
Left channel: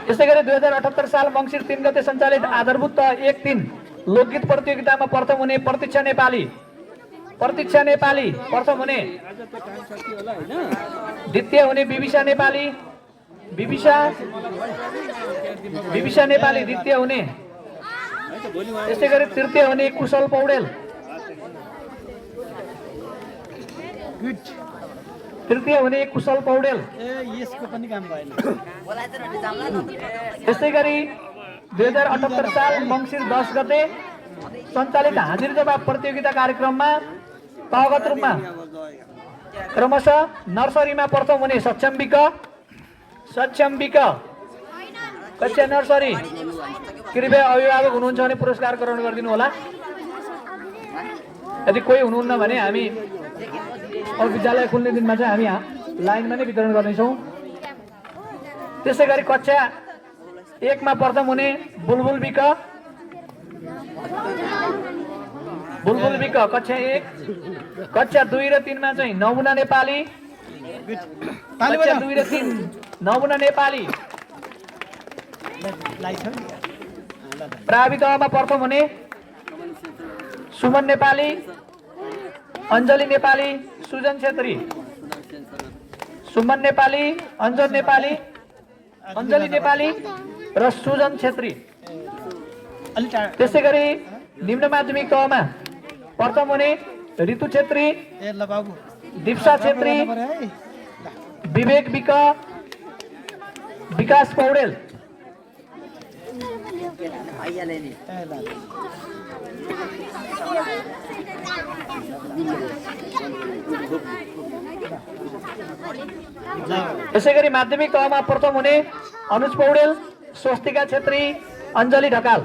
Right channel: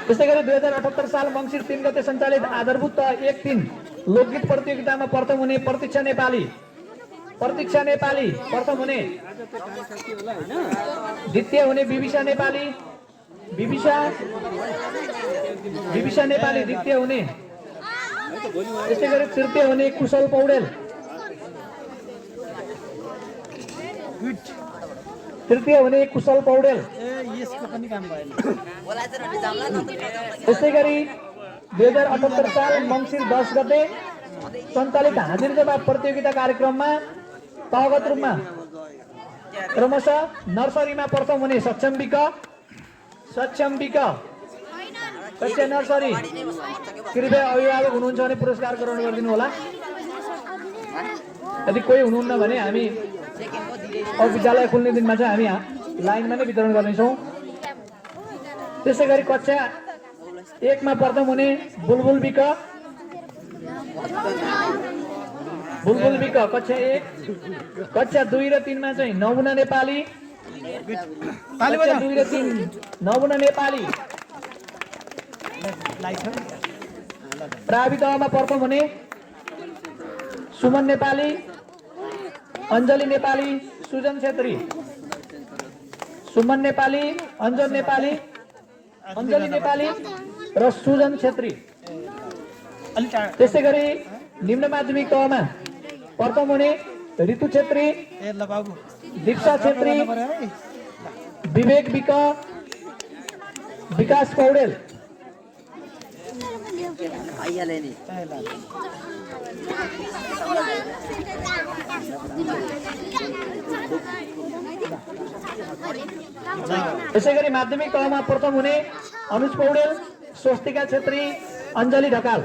यसै गरी 2078 साल मङ्सिर 3 गते सञ्चालित आधारभूत 1-3 लोकगीत प्रतियोगितामा प्रथम हुने प्रतीक्षा नेपाली प्रथम हुने, द्वितीय हुने विविसा नेपाली द्वितीय हुने, यसै गरी तृतीय हुने कुशल पौडेल, तृतीय हुने कुशल पौडेल। ए यसको पनि काम भएन। यसै गरी 2078 साल मङ्सिर 10 गते सञ्चालित हाजिर जवाब प्रतियोगिता कार्यक्रममा तहगत रूपमा क्रमशः नर्सरीमा प्रथम हुने सक्षम विक कक्षा नर्सरी। कृपया अभिभावक हुनुहुन्छ भने पुरस्कार ग्रहण गरिदिनु होला। यदि कोही हुनुहुन्न भने हामी अब विद्यालय खुल्ने दिनमा चाहिँ हामी लाइनमा नै वितरण गर्नेछौँ। त्यसै गरी कक्षा 1 मा प्रथम हुने बुलबुल विक कक्षा 1, कक्षा 2 र 3 मा चाहिँ नमुना नेपाली, कक्षा 2 र 3 नमुना नेपाली। प्रावि तहमा प्रथम हुने सुमन नेपाली, अञ्जली नेपाली, सुजन छेत्री, सुमन नेपाली, अञ्जली नेपाली र सुजन छेत्री। त्यसै गरी निम्न माध्यमिक तहमा प्रथम हुने ऋतु छेत्री, दीक्षा छेत्री, विवेक विक, विकास पौडेल। यसै गरी माध्यमिक तहमा प्रथम हुने अनुज पौडेल, स्वस्तिका छेत्री, अञ्जली ढकाल।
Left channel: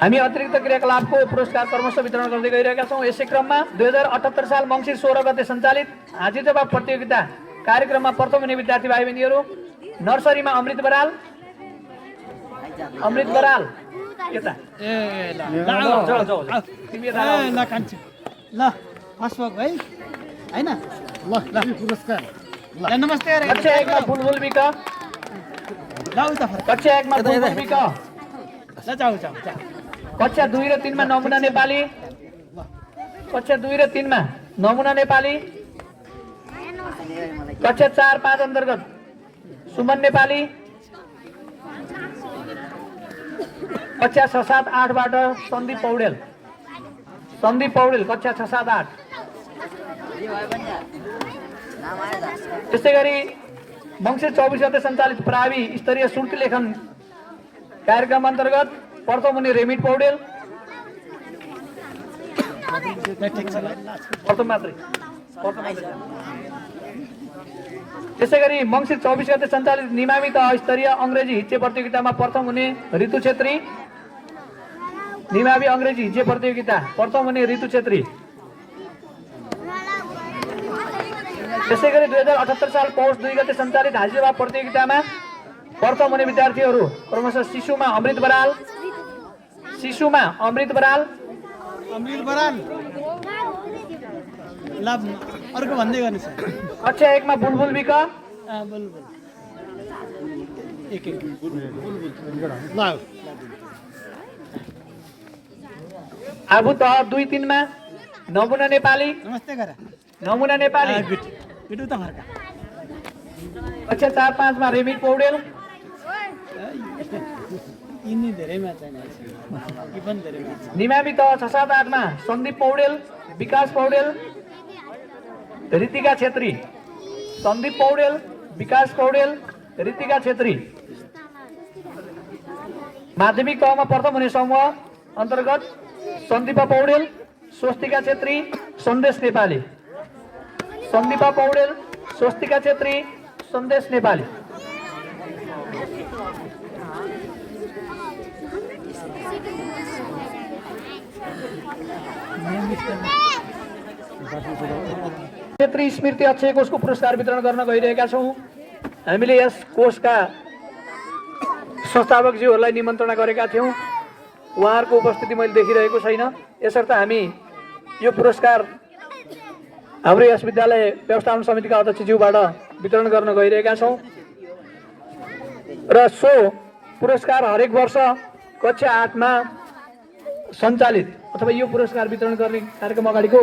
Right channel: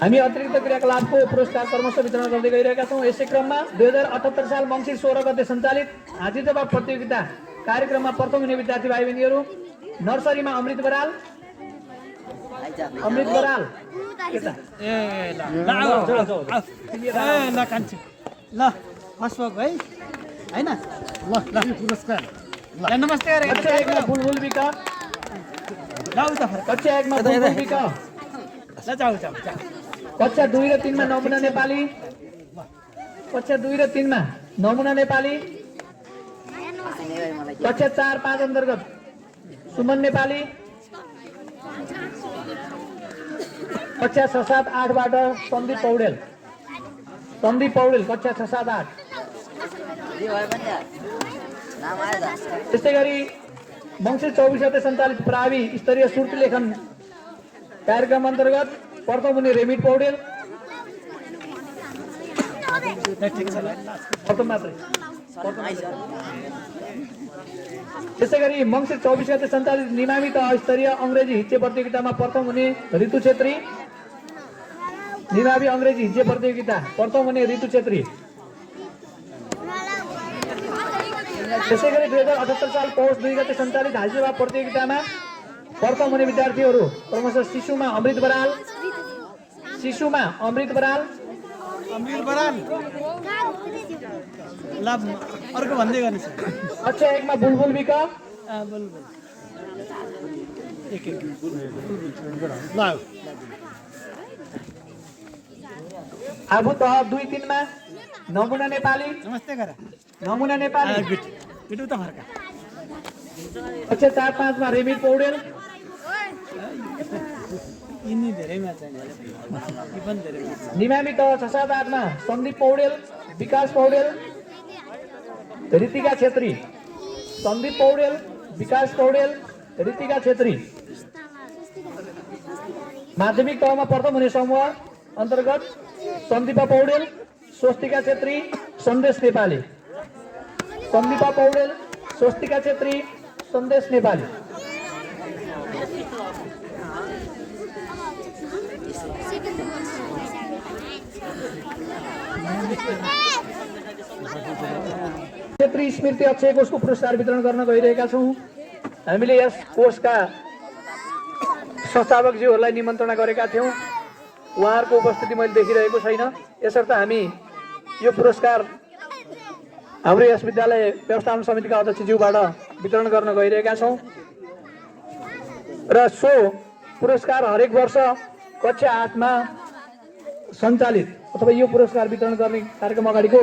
हामी अतिरिक्त क्रियाकलापको पुरस्कार क्रमशः वितरण गर्दै गइरहेका छौँ। यसै क्रममा 2078 साल मङ्सिर 16 गते सञ्चालित हाजिर जवाब प्रतियोगिता कार्यक्रममा प्रथम हुने विद्यार्थी भाइ बहिनीहरू नर्सरीमा अमृत बराल यता ल कान्छे ल फर्स्ट भएको है हैन ल पुरस्कार ल नमस्ते गरे कक्षा 1 मा बुलबुल विक, ल उता फर्क कक्षा 1 मा बुलबुल विक, ल जाऊ कक्षा 2 र 3 मा नमुना नेपाली, कक्षा 2 र 3 मा नमुना नेपाली, कक्षा 4-5 अन्तर्गत सुमन नेपाली, कक्षा 6-7-8 बाट सन्दीप पौडेल कक्षा 6-7-8। त्यस्तै गरी मङ्सिर 24 गते सञ्चालित प्रावि स्तरीय सुर्ती लेखन कार्यक्रम अन्तर्गत प्रथम हुने रेमिट पौडेल, प्रथम मात्रै। त्यसै गरी मङ्सिर 24 गते सञ्चालित निमामी तह स्तरीय अङ्ग्रेजी हिज्जे प्रतियोगितामा प्रथम हुने ऋतु छेत्री, निमामी अङ्ग्रेजी हिज्जे प्रतियोगिता प्रथम हुने ऋतु छेत्री। त्यसै गरी 2078 साल पौष 2 गते सञ्चालित हाजिर जवाब प्रतियोगितामा प्रथम हुने विद्यार्थीहरू क्रमशः शिशुमा अमृत बराल, शिशुमा अमृत बराल, अमृत बराल ल अर्को भन्दै गर्नु छ कक्षा 1 मा बुलबुल विक, बोल एक ल आबु तह 2-3 मा नमुना नेपाली, नमस्ते गर नमुना नेपाली, गुड गुड त फर्का कक्षा 4-5 मा रेमिट पौडेल, यिनी धेरैमा छैन कि पनि धेरैमा निमामी तह 6-7-8 मा सन्दीप पौडेल, विकास पौडेल, ऋतिका छेत्री, सन्दीप पौडेल, विकास पौडेल, ऋतिका छेत्री। माध्यमिक तहमा प्रथम हुने समूह अन्तर्गत सन्दीपा पौडेल, स्वस्तिका छेत्री, सन्देश नेपाली, सन्दीपा पौडेल, स्वस्तिका छेत्री, सन्देश नेपाली। क्षेत्री स्मृति अक्षय कोषको पुरस्कार वितरण गर्न गइरहेका छौँ। हामीले यस कोषका संस्थापकज्यूहरूलाई निमन्त्रणा गरेका थियौँ। उहाँहरूको उपस्थिति मैले देखिरहेको छैन, यसर्थ हामी यो पुरस्कार हाम्रो यस विद्यालय व्यवस्थापन समितिका अध्यक्षज्यूबाट वितरण गर्न गइरहेका छौँ र सो पुरस्कार हरेक वर्ष कक्षा 8 मा सञ्चालित अथवा यो पुरस्कार वितरण गर्ने कार्यक्रम अगाडिको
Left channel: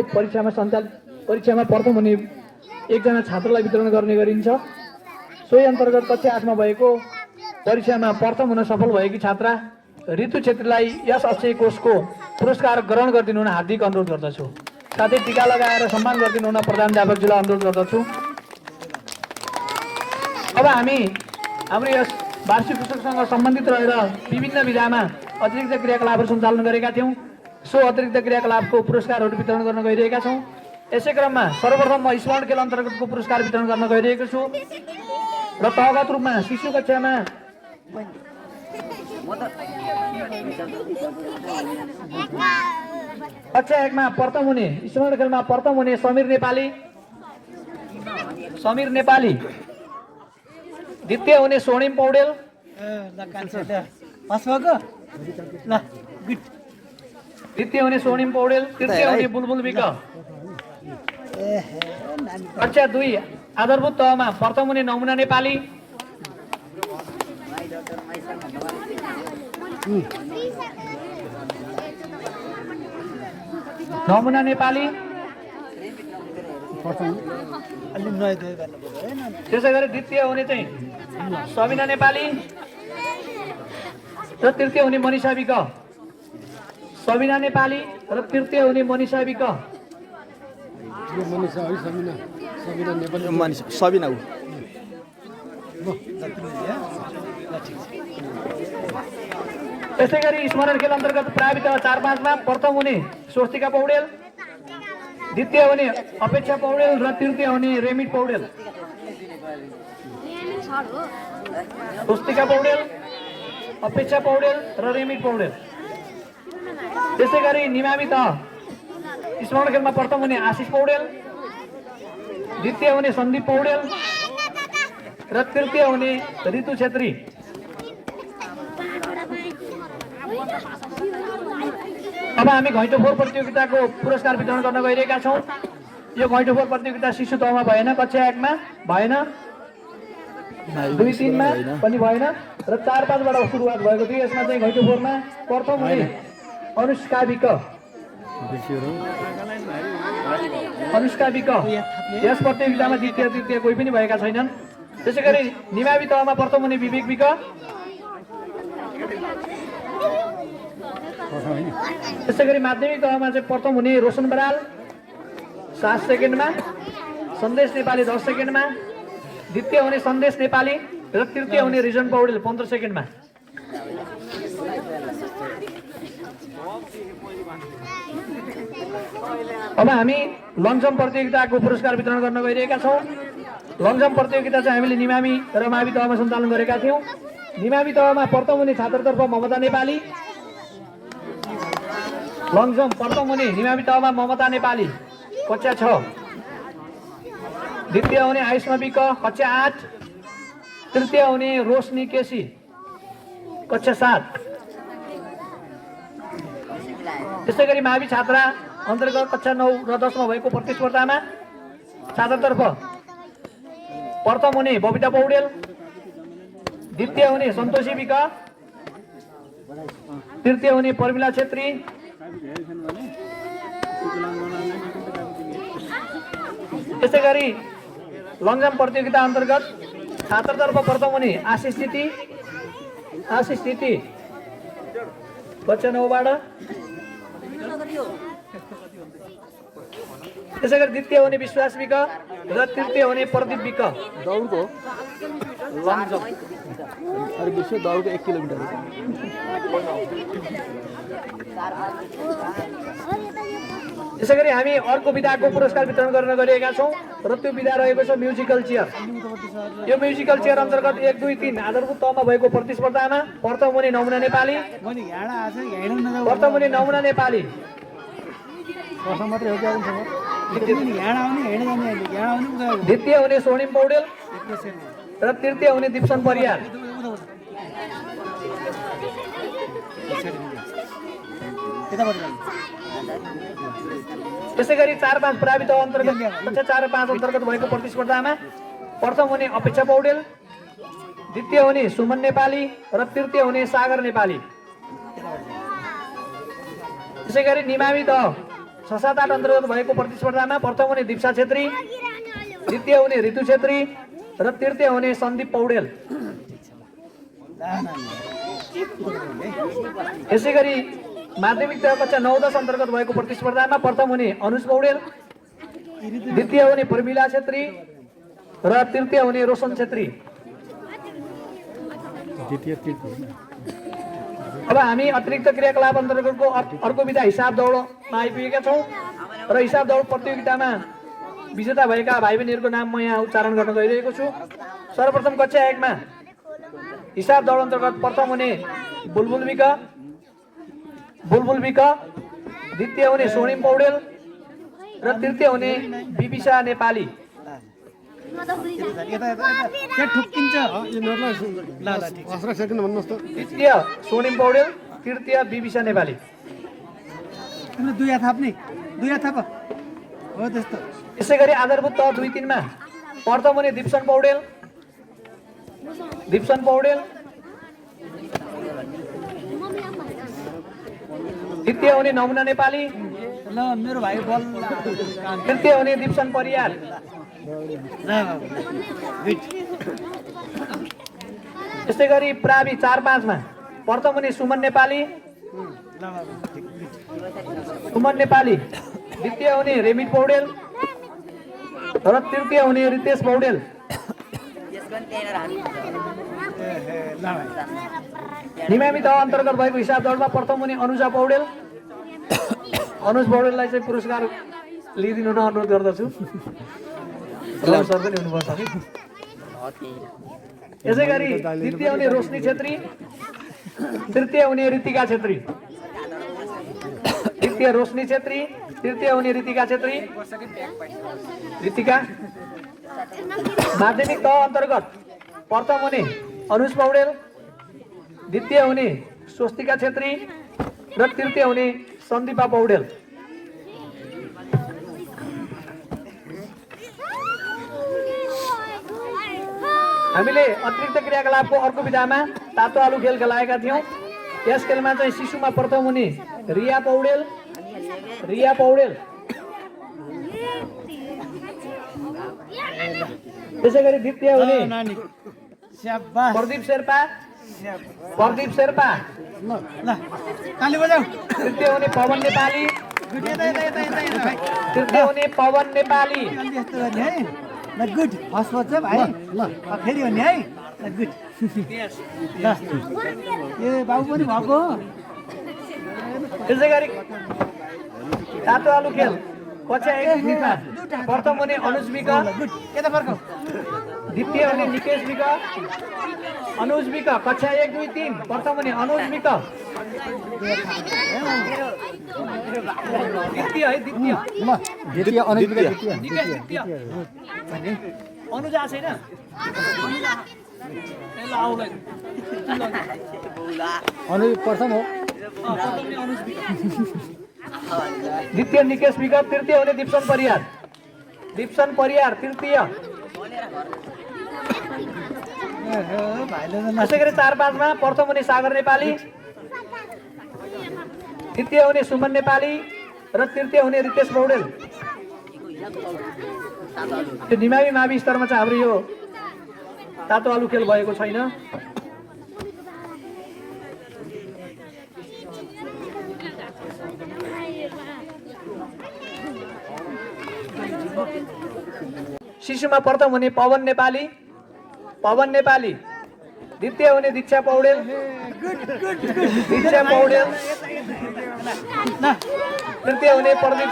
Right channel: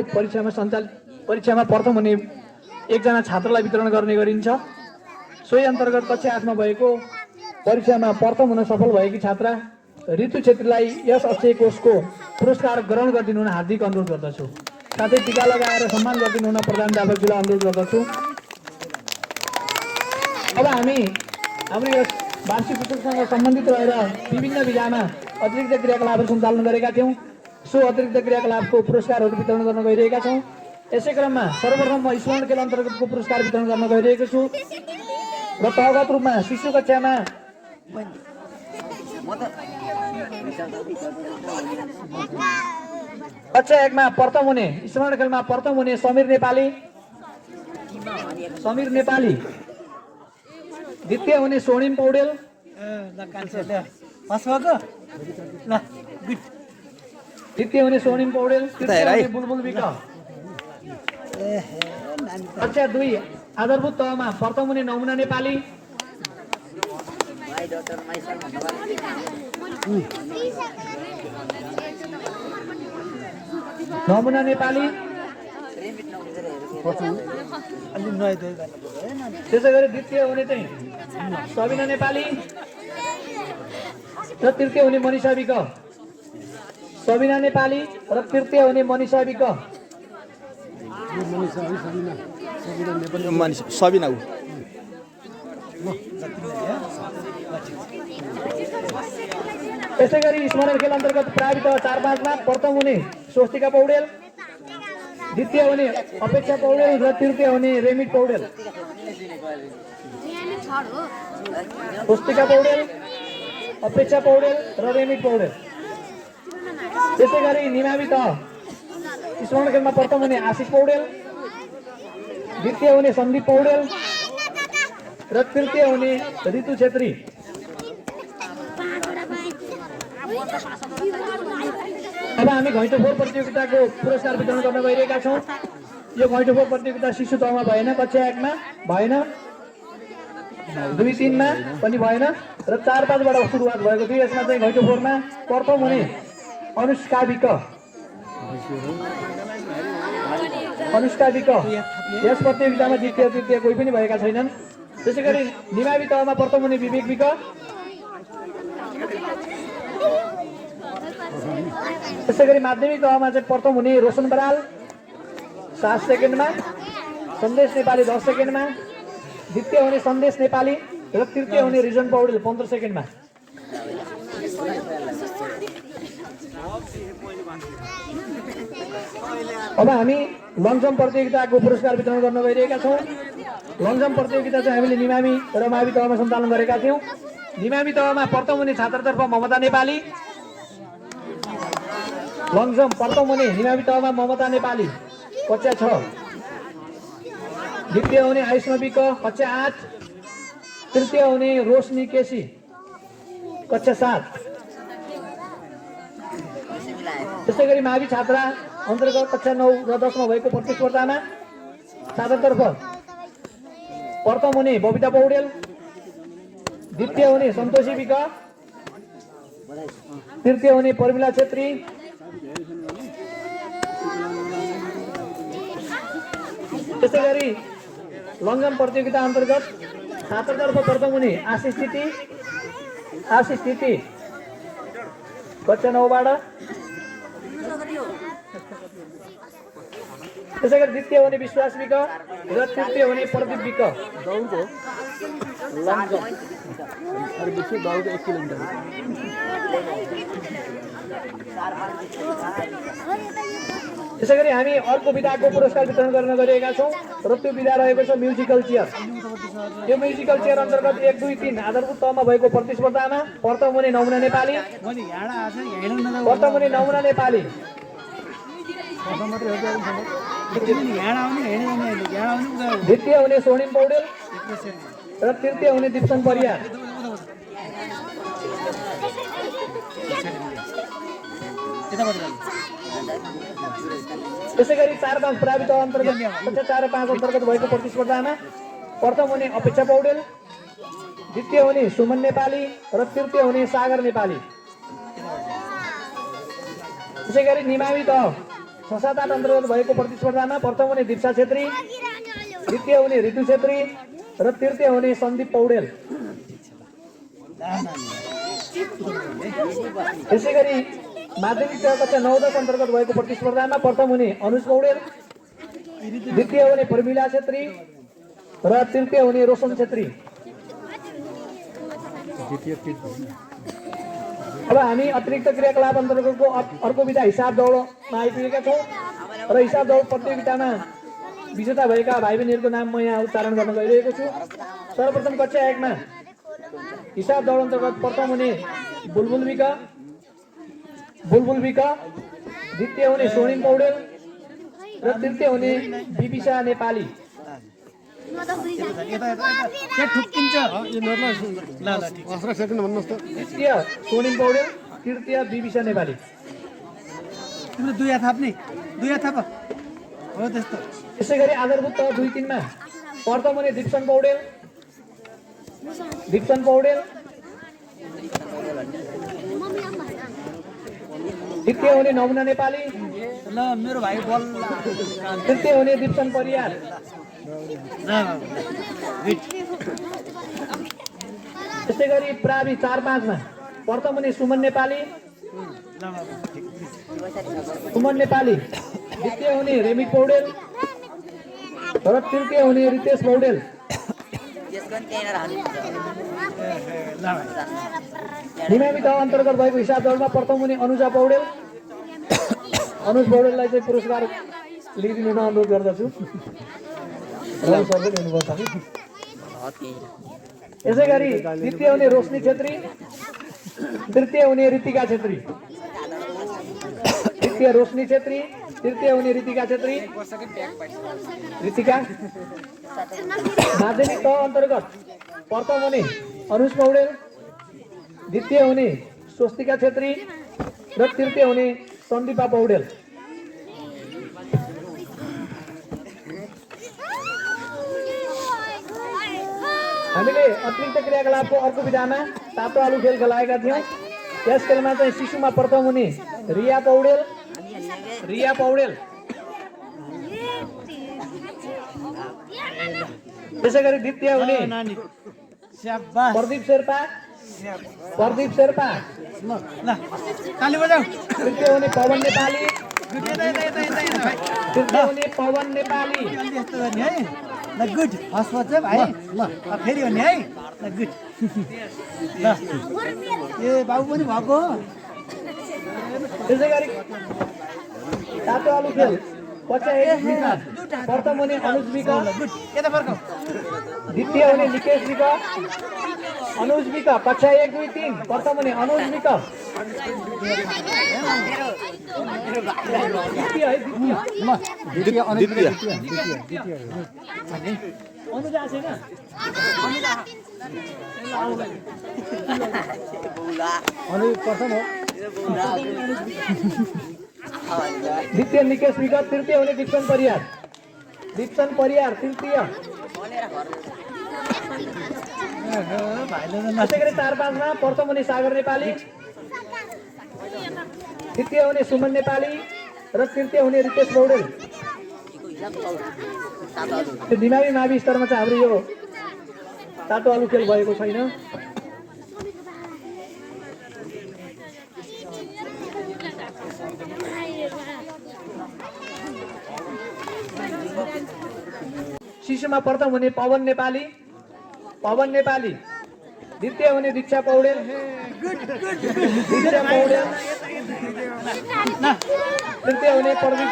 परीक्षामा प्रथम हुने एकजना छात्रलाई वितरण गर्ने गरिन्छ। सोही अन्तर्गत कक्षा 8 मा भएको परीक्षामा प्रथम हुन सफल भएकी छात्रा ऋतु छेत्रीलाई यस अक्षय कोषको पुरस्कार ग्रहण गरिदिनु हुन हार्दिक अनुरोध गर्दछु। साथै टीका लगाएर सम्मान गरिदिनु हुन प्रधानाध्यापकज्यूलाई अनुरोध गर्दछु। अब हामी हाम्रो यस वार्षिक उत्सवसँग सम्बन्धित रहेर विभिन्न विधामा अतिरिक्त क्रियाकलापहरू सञ्चालन गरेका थियौँ। सो अतिरिक्त क्रियाकलापको पुरस्कारहरू वितरण गर्न गइरहेका छौँ। यसै क्रममा सर्वप्रथम म स्मरण खेल अन्तर्गतको पुरस्कार वितरण गर्न गइरहेको छु र तहगत रूपमा शिशु कक्षामा कक्षा 1 मा प्रथम हुने स्मरण खेलमा प्रथम हुने समीर नेपाली, द्वितीय हुने स्वर्णिम पौडेल, ल कान्छे ल पास भएको ल गुड द्वितीय हुने स्वर्णिम पौडेल, तृतीय हुने बुलबुल विक। कक्षा 2 आधारभूत तहमा प्रथम हुने नमुना नेपाली, अलि नुहाइ धुवाइ गर्नु पर्यो है त्यसै गरी द्वितीय हुने चाहिँ सबिना नेपाली र तृतीय हुने मनिषा विक। सबिना नेपाली र तृतीय हुने मनिषा विक। सबिना ऊ त्यसै गरी स्मरण खेल अन्तर्गत प्रावित 4-5 मा प्रथम हुने स्वस्तिका पौडेल, द्वितीय हुने अपेक्षा पौडेल र तृतीय हुने रेमिट पौडेल। स्वस्तिका पौडेल, अपेक्षा पौडेल र रेमिट पौडेल। त्यसै गरी निमावी तह स्मरण खेलमा प्रथम हुने आशिष पौडेल, द्वितीय हुने सन्दीप पौडेल र तृतीय हुने ऋतु छेत्री। अब हामी घैँटो फोर प्रतियोगिताको पुरस्कार वितरण गर्न गइरहेका छौँ। यो घैँटो फोर प्रतियोगिता शिशु तहमा भएन, कक्षा 1 मा भएन, 2-3 मा पनि भएन र 4-5 बाट सुरुवात भएको थियो। यसमा चाहिँ घैँटो फोरमा प्रथम हुने अनुष्का विक यस प्रतियोगितामा द्वितीय तृतीय कोही पनि भएका छैनन्। त्यसै गरी निमावी तहमा प्रथम हुने विवेक विक, त्यसै गरी माध्यमिक तहमा चाहिँ प्रथम हुने रोशन बराल 7 सेकेन्डमा, सन्देश नेपाली 10 सेकेन्डमा, द्वितीय हुने सन्देश नेपाली र तृतीय हुने रिजन पौडेल 15 सेकेन्डमा। अब हामी लङ जम्प प्रतियोगिताको पुरस्कार वितरण गर्न गइरहेका छौँ। लङ जम्प प्रतियोगिता चाहिँ हामीले निमामी र मावि तहमा सञ्चालन गरेका थियौँ। निमावी तहमा प्रथम हुने छात्रतर्फ ममता नेपाली, लङ जम्प प्रथम हुने निमावी तहमा ममता नेपाली कक्षा 6, द्वितीय हुने आयुष्मा विक कक्षा 8, तृतीय हुने रोशनी केसी कक्षा 7, त्यसै गरी मावि छात्रा अन्तर्गत कक्षा 9 र 10 मा भएको प्रतिस्पर्धामा छात्रतर्फ प्रथम हुने बबिता पौडेल, द्वितीय हुने सन्तोषी विक, तृतीय हुने प्रमिला छेत्री, त्यसै गरी लङजाम प्रतियोगिता अन्तर्गत छात्रतर्फ प्रथम हुने आशिष स्थिति कक्षा 9 बाट, त्यसै गरी द्वितीय हुने विश्वास विक र तृतीय हुने प्रदीप विक। दौडको लङ जम्प अरे विश्व दौडको 1 किलोमिटर त्यसै गरी हामी अर्को विधाको पुरस्कार वितरण गर्न गइरहेका छौँ र त्यो विधा रहेको छ म्युजिकल चेयर। यो म्युजिकल चेयर अन्तर्गत 1, 2, 3 आधारभूत तहमा भएको प्रतिस्पर्धामा प्रथम हुने नमुना नेपाली, प्रथम हुने नमुना नेपाली, द्वितीय हुने स्वर्णिम पौडेल र तृतीय हुने दिप्सन परियार। त्यसै गरी 4-5 प्रावित अन्तर्गत कक्षा 4 र 5 अन्तर्गत भएको प्रतिस्पर्धामा प्रथम हुने अपेक्षा पौडेल, द्वितीय हुने सुमन नेपाली र तृतीय हुने सागर नेपाली। त्यसै गरी निमावि तह 6-7-8 अन्तर्गत भएको प्रतिस्पर्धामा प्रथम हुने दीक्षा छेत्री, द्वितीय हुने ऋतु छेत्री र तृतीय हुने सन्दीप पौडेल। त्यसै गरी माध्यमिक तह कक्षा 9-10 अन्तर्गत भएको प्रतिस्पर्धामा प्रथम हुने अनुज पौडेल, द्वितीय हुने प्रमिला छेत्री र तृतीय हुने रोशन छेत्री। अब हामी अतिरिक्त क्रियाकलाप अन्तर्गतको अर्को विधा हिसाब दौडमा आइपुगेका छौँ र हिसाब दौड प्रतियोगितामा विजेता भएका भाइ बहिनीहरूको नाम म यहाँ उच्चारण गर्न गइरहेको छु। सर्वप्रथम कक्षा 1 मा हिसाब दौड अन्तर्गत प्रथम हुने बुलबुल विक, द्वितीय हुने स्वर्णिम पौडेल र तृतीय हुने बिबिसा नेपाली। द्वितीय स्वर्णिम पौडेल, तृतीय बिबिसा नेपाली। तिम्रो दुई हात थाप्ने, दुई हात थाप हो त्यस्तो। त्यसै गरी आधारभूत तह 2-3 मा प्रथम हुने दिप्सन पौडेल, द्वितीय हुने नमुना नेपाली, ल मेरो भाइ बल तृतीय हुने दिप्सन परियार। त्यसै गरी प्रावि 4-5 मा प्रथम हुने सुमन नेपाली, द्वितीय हुने रेमित पौडेल र तृतीय हुने रितेश पौडेल। निमावि तह अन्तर्गत भएको हिसाब दौडमा प्रथम हुने अनुज पौडेललाई चाहिँ पुरस्कार लिइदिनु न अनुरोध गर्दछु। यसै गरी द्वितीय हुने रोशनी छेत्री, तृतीय हुने ऋतिका छेत्री, तृतीय हुने ऋतिका छेत्री। माध्यमिक तह अन्तर्गत प्रथम हुने अनुज पौडेल, द्वितीय हुने स्वस्तिका छेत्री र तृतीय हुने सन्दीपा पौडेल। हामीले अतिरिक्त क्रियाकलापको अर्को विधामा तातो आलु खेल खेलाएका थियौँ। यस खेलमा चाहिँ शिशुमा प्रथम हुने रिया पौडेल, त्यसै गरी द्वितीय हुने प्रदीप शेर्पा, ताली बजाऊ। तृतीय हुने पवन नेपाली, यस्तो गर्ने है। ल गुड, फर्स्ट छ भाइ। ल फेरि हो नि है। ल गुड। ल ए बाबु पनि भएको हो। त्यसै गरी तातो आलु खेल कक्षा 1 प्रथम हुने अनुज विक, गुड। यता फर्काऊ। द्वितीय हुने निकेश विक, अनुज विक। कक्षा 1, 2, 3 प्रथम हुने अनुज विक, द्वितीय अनुज आएको छैन। द्वितीय निकेश विक, तृतीय हुने दिप्सन परियार तृतीय। त्यसै गरी 4-5 मा प्रथम हुने सागर नेपाली, द्वितीय हुने सुमन नेपाली र तृतीय हुने रितेश पौडेल। त्यो निमावी मावि स्तरमा चाहिँ हाम्रो यो तातो आलु खेल भएको छैन। शिशुमा प्रथम हुने पवन नेपाली, द्वितीय हुने दीक्षा पौडेल, तृतीय हुने प्रदीप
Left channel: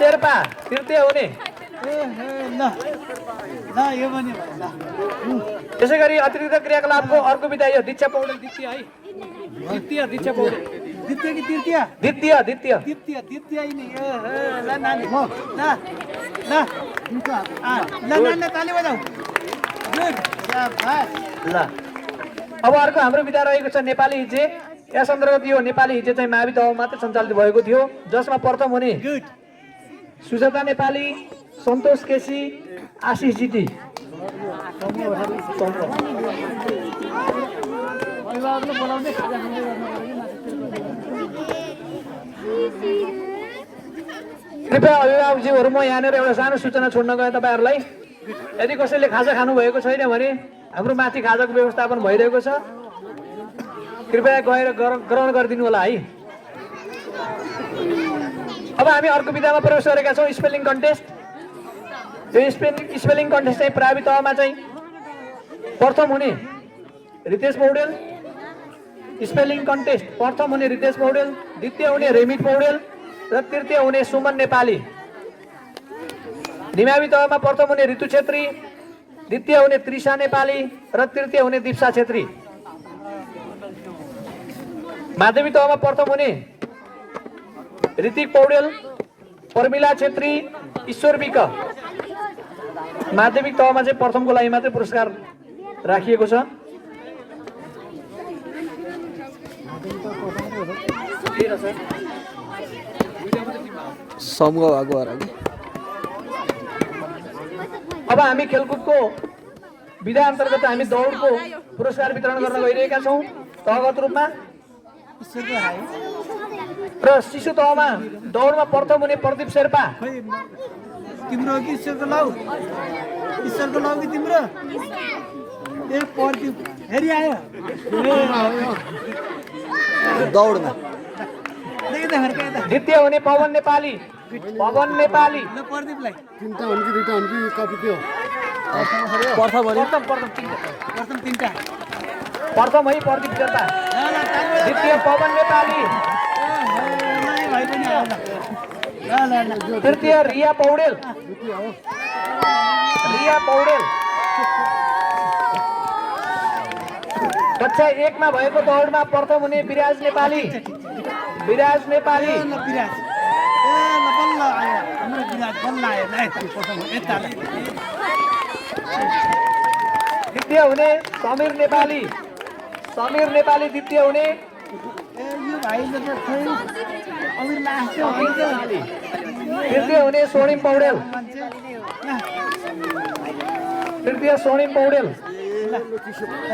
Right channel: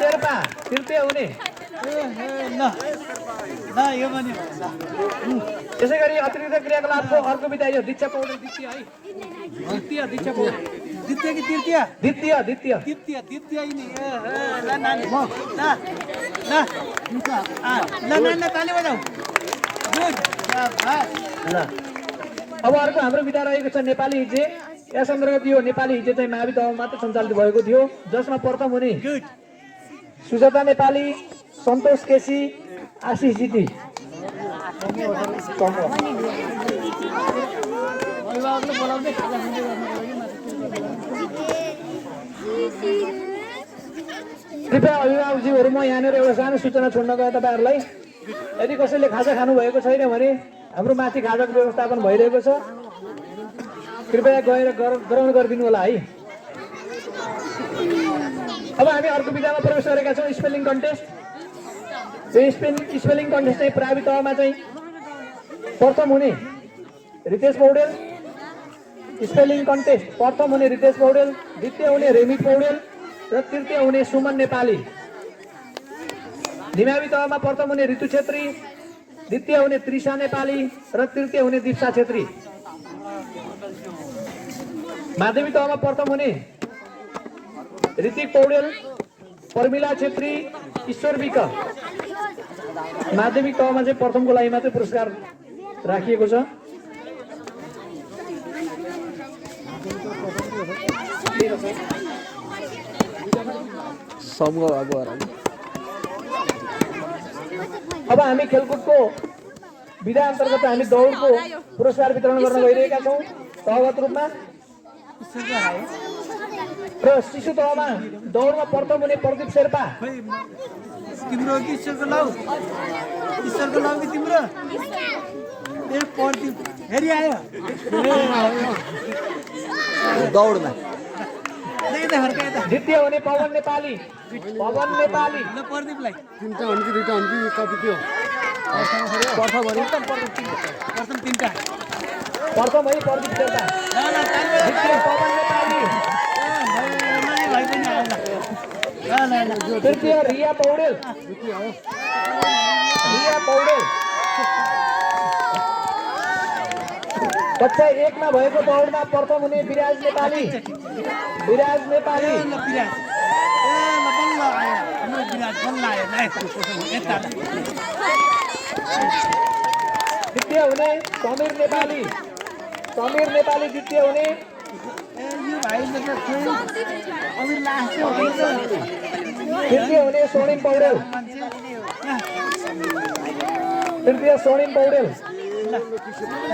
शेर्पा, तृतीय हुने। त्यसै गरी अतिरिक्त क्रियाकलापको अर्को विधा यो दीक्षा पौडेल द्वितीय है, दीक्षा पौडेल द्वितीय कि तृतीय? द्वितीय नि ल नानी ल ताली बजाऊ। गुड शाबास। ल अब अर्को हाम्रो विधा रहेको छ नेपाली हिज्जे। यस अन्तर्गत यो नेपाली हिज्जे चाहिँ मावि तहमा मात्र सञ्चालित भएको थियो, जसमा प्रथम हुने सुजाता नेपाली, सन्तोष केसी, आशिष जिटी। अभिभावकले बोलाउँदै खाजा खाँदै गर्नु पर्यो कि माथि। कृपया अभिभावकज्यूहरू, म यहाँनिर एउटा सानो सूचना छोड्न गएँ तपाईँहरूलाई। यदि कसैले खाजा खानु भएको छैन भने हाम्रो माथि खाजाको व्यवस्थापन भइरहेको छ, कृपया गएर ग्रहण गरिदिनु होला है। अब हामी अर्को विधामा प्रवेश गरेका छौँ, स्पेलिङ कन्टेस्ट। यो स्पेलिङ कन्टेस्ट चाहिँ प्रावि तहमा चाहिँ प्रथम हुने रितेश पौडेल, स्पेलिङ कन्टेस्ट प्रथम हुने रितेश पौडेल, द्वितीय हुने रेमित पौडेल र तृतीय हुने सुमन नेपाली। निमावी तहमा प्रथम हुने ऋतु छेत्री, द्वितीय हुने त्रिषा नेपाली र तृतीय हुने दीप्सा छेत्री। माध्यमिक तहमा प्रथम हुने ऋतिक पौडेल, प्रमिला छेत्री, ईश्वर विक। माध्यमिक तहमा चाहिँ प्रथमको लागि मात्रै पुरस्कार राखिएको छ। समूह भएको हो। अब हामी खेलकुदको विधा अन्तर्गत हामी दौडको पुरस्कार वितरण गर्न गइरहेका छौँ तहगत रूपमा। र शिशु तहमा दौडमा प्रथम हुने प्रदीप शेर्पा। तिम्रो कि ईश्वरको लाउ कि तिम्रो? ए प्रदीप हेरि आयो दौडमा। द्वितीय हुने पवन नेपाली, ल प्रदीपलाई तिनवटा हुन् कि दुईवटा हुन् कि कति के हो? प्रथम तिनटा प्रथम है प्रदीप शेर्पा। द्वितीय पवन नेपाली, भाइ पनि आयो ल। तृतीय रिया पौडेल, कक्षा 1 मा भएको दौडमा प्रथम हुने विराज नेपाली। बल्ल आयो हाम्रो विराट, बल्ल आयो ल। द्वितीय हुने समीर नेपाली, द्वितीय हुने। यो भाइले त खोइ अमिर लास्टै हो नि त। तृतीय हुने सोनिम पौडेल, ल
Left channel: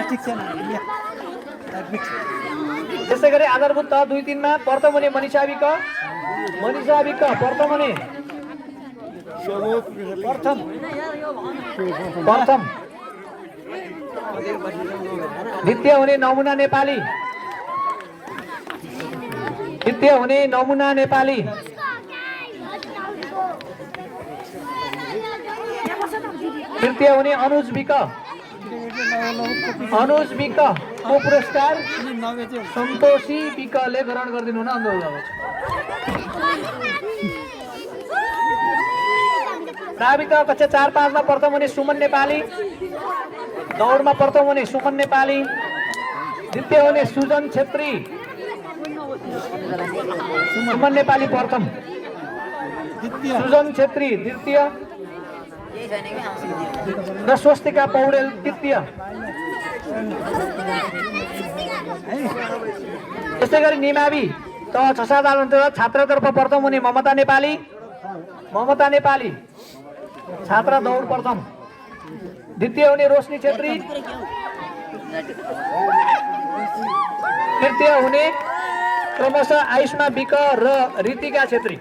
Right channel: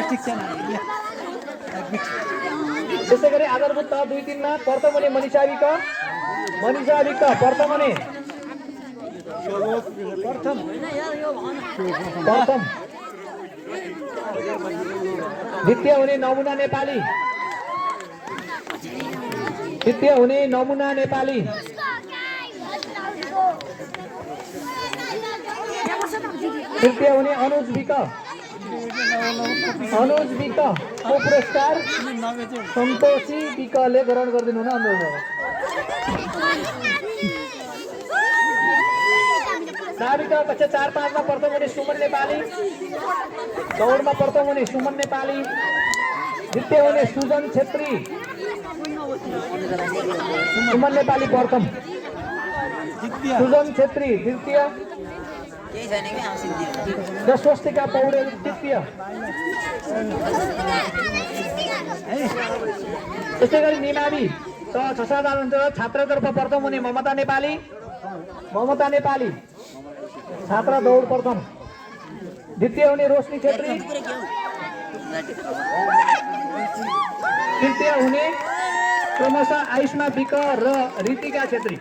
ठिक छ न। त्यसै गरी आधारभूत तह 2-3 मा प्रथम हुने मनिषा विक, प्रथम हुने प्रथम। द्वितीय हुने नमुना नेपाली, तृतीय हुने अनुज विक। को पुरस्कार सन्तोषी विकले ग्रहण गरिदिनु हुन अनुरोध गर्दछु। नाविक कक्षा 4-5 मा प्रथम हुने सुमन नेपाली, दौडमा प्रथम हुने सुमन नेपाली। द्वितीय हुने सुजन छेत्री, सुमन नेपाली प्रथम, सुजन छेत्री द्वितीय र स्वस्तिका पौडेल तृतीय। है त्यसै गरी निमावि त 6-7 अन्तर्गत छात्रतर्फ प्रथम हुने ममता नेपाली छात्र दौड प्रथम। द्वितीय हुने रोशनी छेत्री। तृतीय हुने क्रमशः आयुष्मा विक र ऋतिका छेत्री।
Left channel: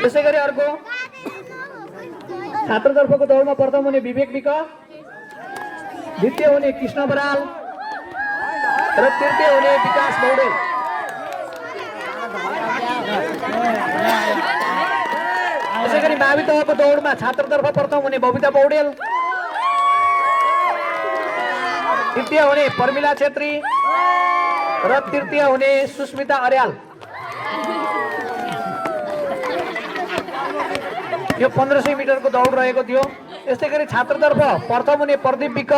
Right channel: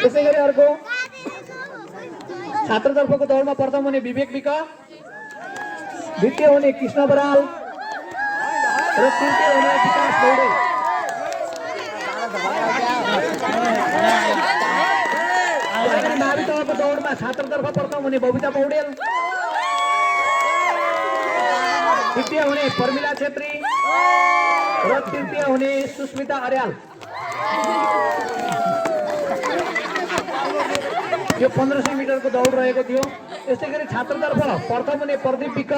त्यसै गरी अर्को छात्रतर्फको दौडमा प्रथम हुने विवेक विक, द्वितीय हुने कृष्ण बराल र तृतीय हुने विकास पौडेल। त्यसै गरी मावि तहको दौडमा छात्रतर्फ प्रथम हुने बबिता पौडेल, तृतीय हुने पर्मिला छेत्री र तृतीय हुने सुस्मिता अर्याल। यो 1500 मिटरको दौड रहेको थियो। यस्तै गरी छात्रतर्फ प्रथम हुने प्रदीप विक,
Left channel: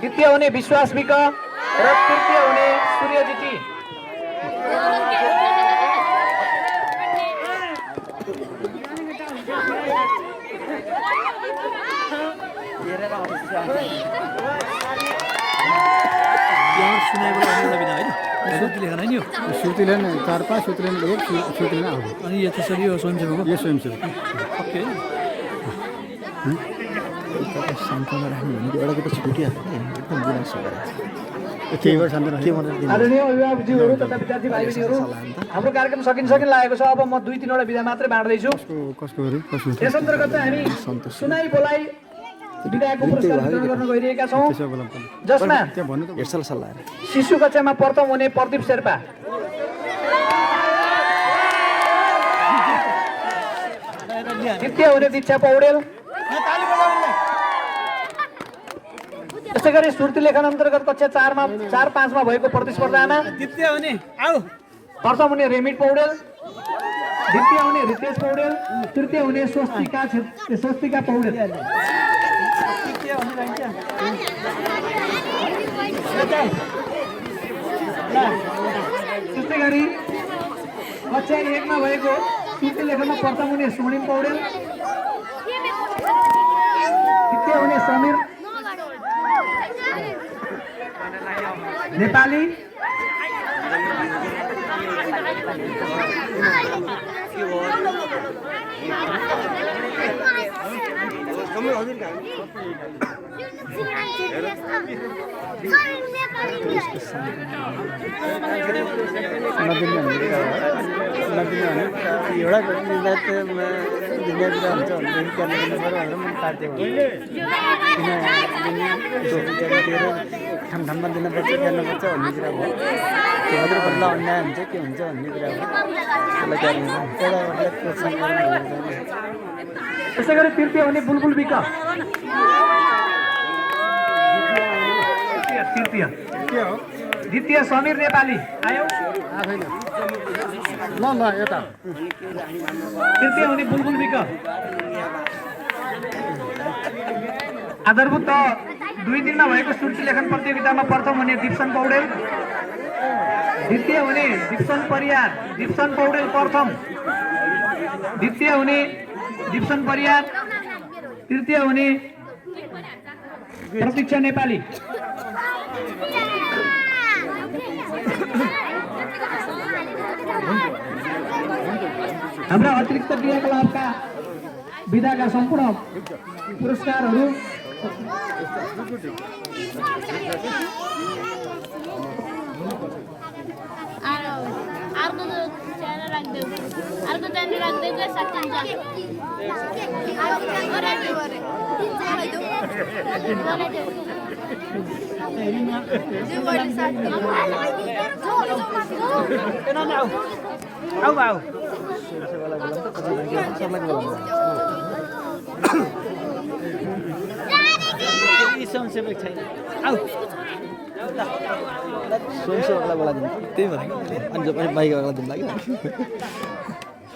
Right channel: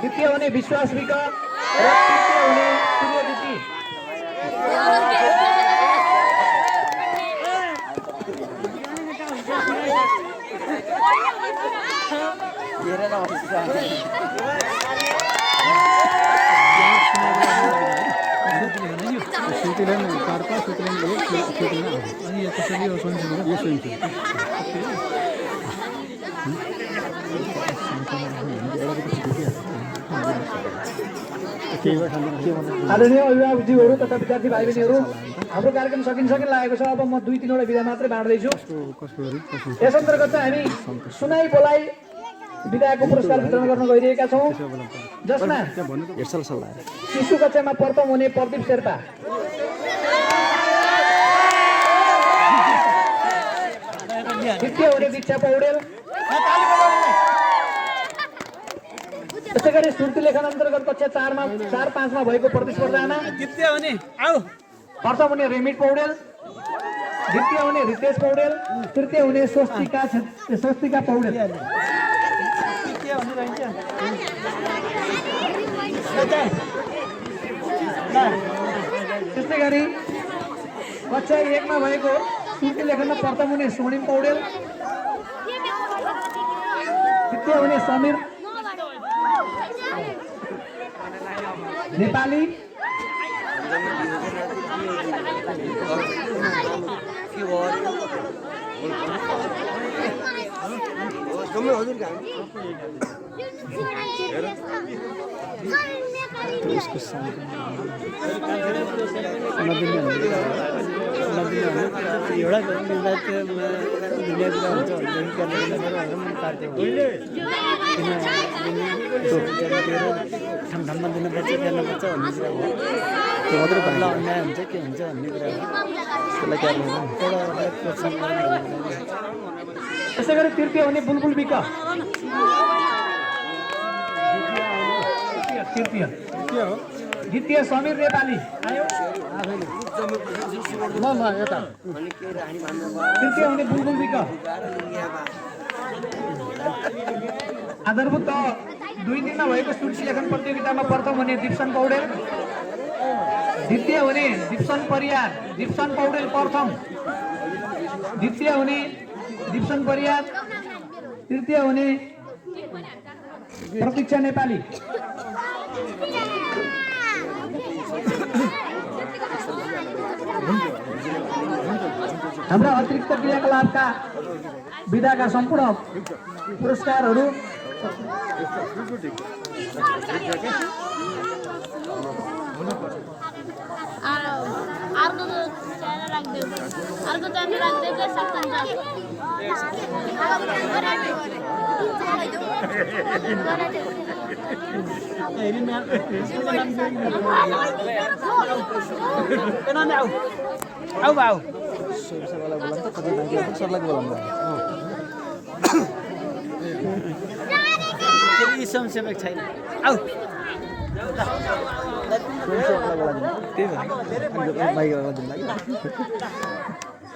द्वितीय हुने विश्वास विक र तृतीय हुने सूर्यजीती। श्रुतिले 4-5 श्रुतिले 1 श्रुतिले अनि यो त्यसरी यो स्वयंसेवक ओके आदरणीय अभिभावकज्यूहरू तथा विद्यार्थी भाइ बहिनीहरू, हाम्रो कार्यक्रम सकिन लागेको छ। अब म 2-3 विधा मात्रै बाँड्दैछु। यस अन्तर्गत चाहिँ हामी सुनाई बोलाइ विधाको पुरस्कार वितरण गर्न गइरहेका छौँ, जसमा शिशु कक्षामा प्रथम हुने प्रदीप शेर्पा, द्वितीय हुने दीक्षा पौडेल, त्यसै गरी सुर्ती लेखन अन्तर्गत कक्षा 4-5मा भएको प्रतिस्पर्धामा द्वितीय हुने प्रथम हुने रेमिट पौडेल, द्वितीय हुने रितेश पौडेल, तृतीय हुने स्वस्तिका पौडेल। त्यस्तै गरी कक्षा 1मा भएको सुर्ती लेखनमा प्रथम हुने स्वर्णिम पौडेल, द्वितीय हुने समीर नेपाली, ठाउँमा दिनुपर्छ जानुपर्छ भन्ने कुरा हो। त्यो मात्रै बदला अन्याय हुन्छ के हुन्छ भन्ने कुरा हो। त्यसलाई प्रोत्साहन गर्नु। त्यसै गरी तृतीय हुने बुलबुल विक, द्वितीय समीर नेपाली आयो, यता तृतीय हुने बुलबुल विक। आधारभूत 2 दिनमा भएको सुर्ती लेखन प्रतियोगितामा प्रथम हुने दिप्सन पौडेल, द्वितीय हुने दिप्सन परियार, दिप्सन पौडेल प्रथम, द्वितीय हुने दिप्सन परियार, तृतीय हुने प्रतीक्षा नेपाली। हाम्रा अतिरिक्त क्रियाकलापका विधाका सम्पूर्ण पुरस्कारहरू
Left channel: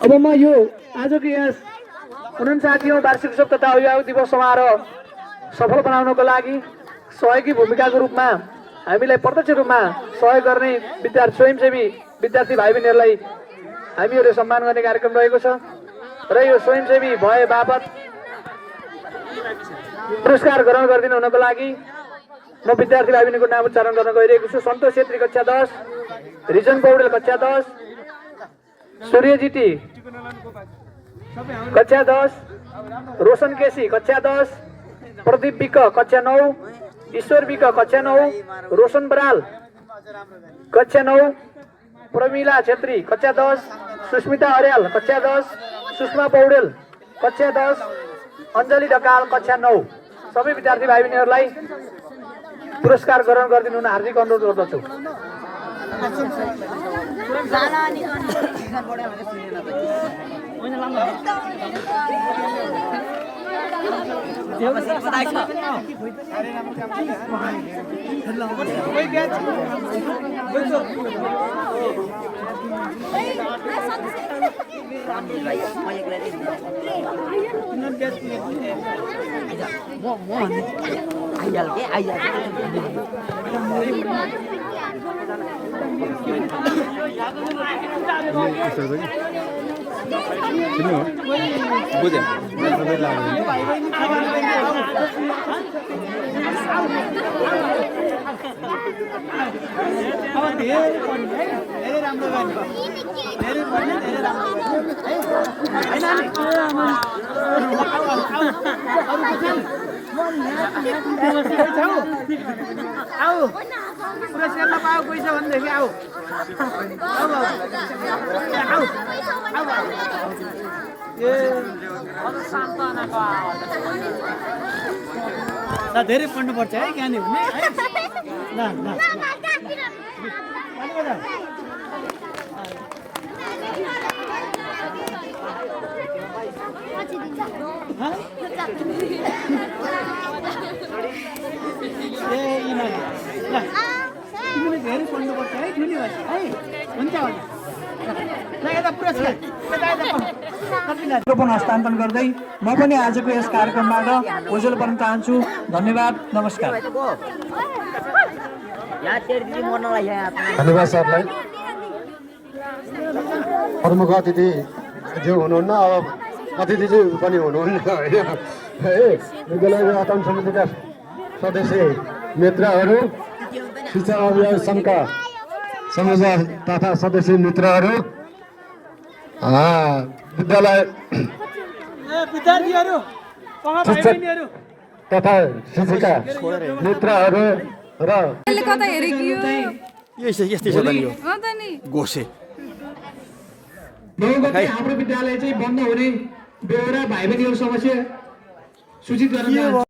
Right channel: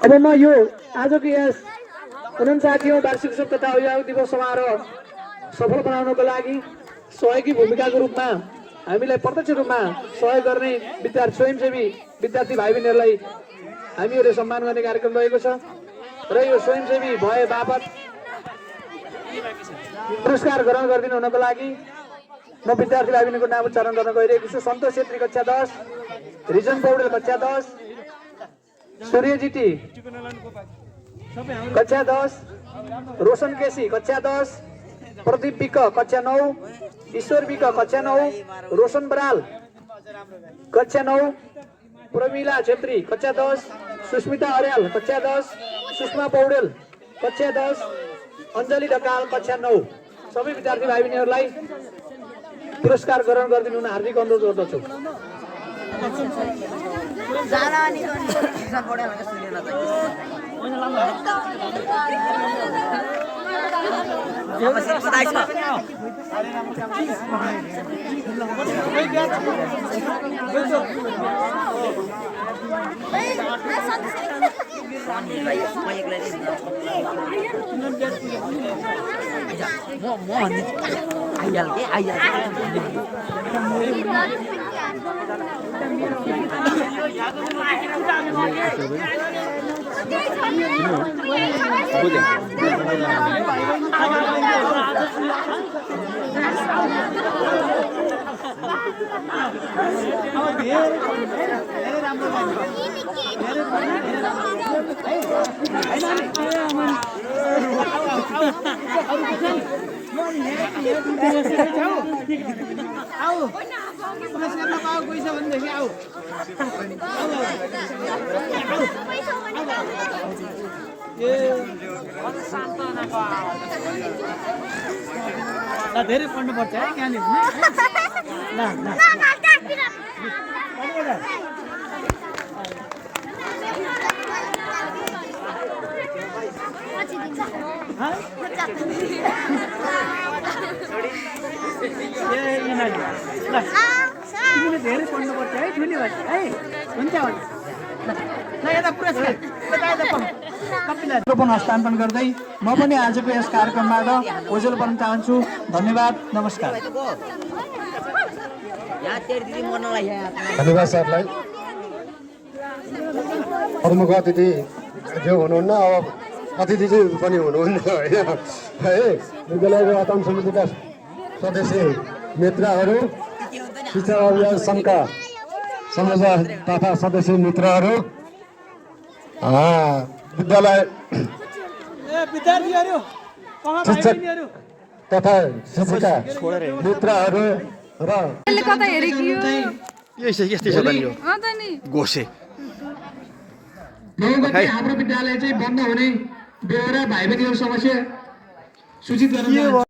अब म यो आजको यस 49औं वार्षिक उत्सव तथा अभिभावक दिवस समारोह सफल बनाउनको लागि सहयोगी भूमिकाको रूपमा हामीलाई प्रत्यक्ष रूपमा सहयोग गर्ने विद्यार्थी स्वयंसेवी विद्यार्थी भाइ बहिनीहरूलाई हामीहरूले सम्मान गर्ने कार्यक्रम रहेको छ र यो स्वयंसेवी भए बापत पुरस्कार ग्रहण गरिदिनु हुनको लागि म विद्यार्थी भाइ बहिनीको नाम उच्चारण गर्न गइरहेको छु। सन्तोष छेत्री कक्षा 10, रिजन पौडेल कक्षा 10, सूर्य जीटी कक्षा 10, रोशन केसी कक्षा 10, प्रदीप विक कक्षा 9, ईश्वर विक कक्षा 9, रोशन बराल कक्षा 9, प्रमिला छेत्री कक्षा 10, सुस्मिता अर्याल कक्षा 10, सुषमा पौडेल कक्षा 10, अञ्जली ढकाल कक्षा 9। सबै विद्यार्थी भाइ बहिनीहरूलाई पुरस्कार ग्रहण गरिदिनु हुन हार्दिक अनुरोध गर्दछु। बुझ्यो धेरै पढ्नुपर्छ है कहाँनिर ल ल धेरै पढ्नुपर्छ है ठुली भन्छ है हुन्छ हस्तान्तरण गर्दै म पनि आजको यस कार्यक्रमबाट ओझेल बन्न चाहन्छु। धन्यवाद, नमस्कार। धन्यवाद सरलाई। प्रमुख अतिथि जो हुनुहुन्न, अब अतिथि पनि हुनुहुन्न होइन है। विद्यालयको अध्ययन समितिका सदस्य मित्रहरू, शिक्षा अभियान सङ्घका संयोजक तथा सदस्य मित्रहरू, विद्यालय शिक्षक तथा शिक्षिका मित्रहरू र यस्तै छ त नि यो गोसे हाम्रो विद्यालय चाहिँ बन्द हुने बेहोरा भाइ बहिनीहरू समस्या सूचित गर्न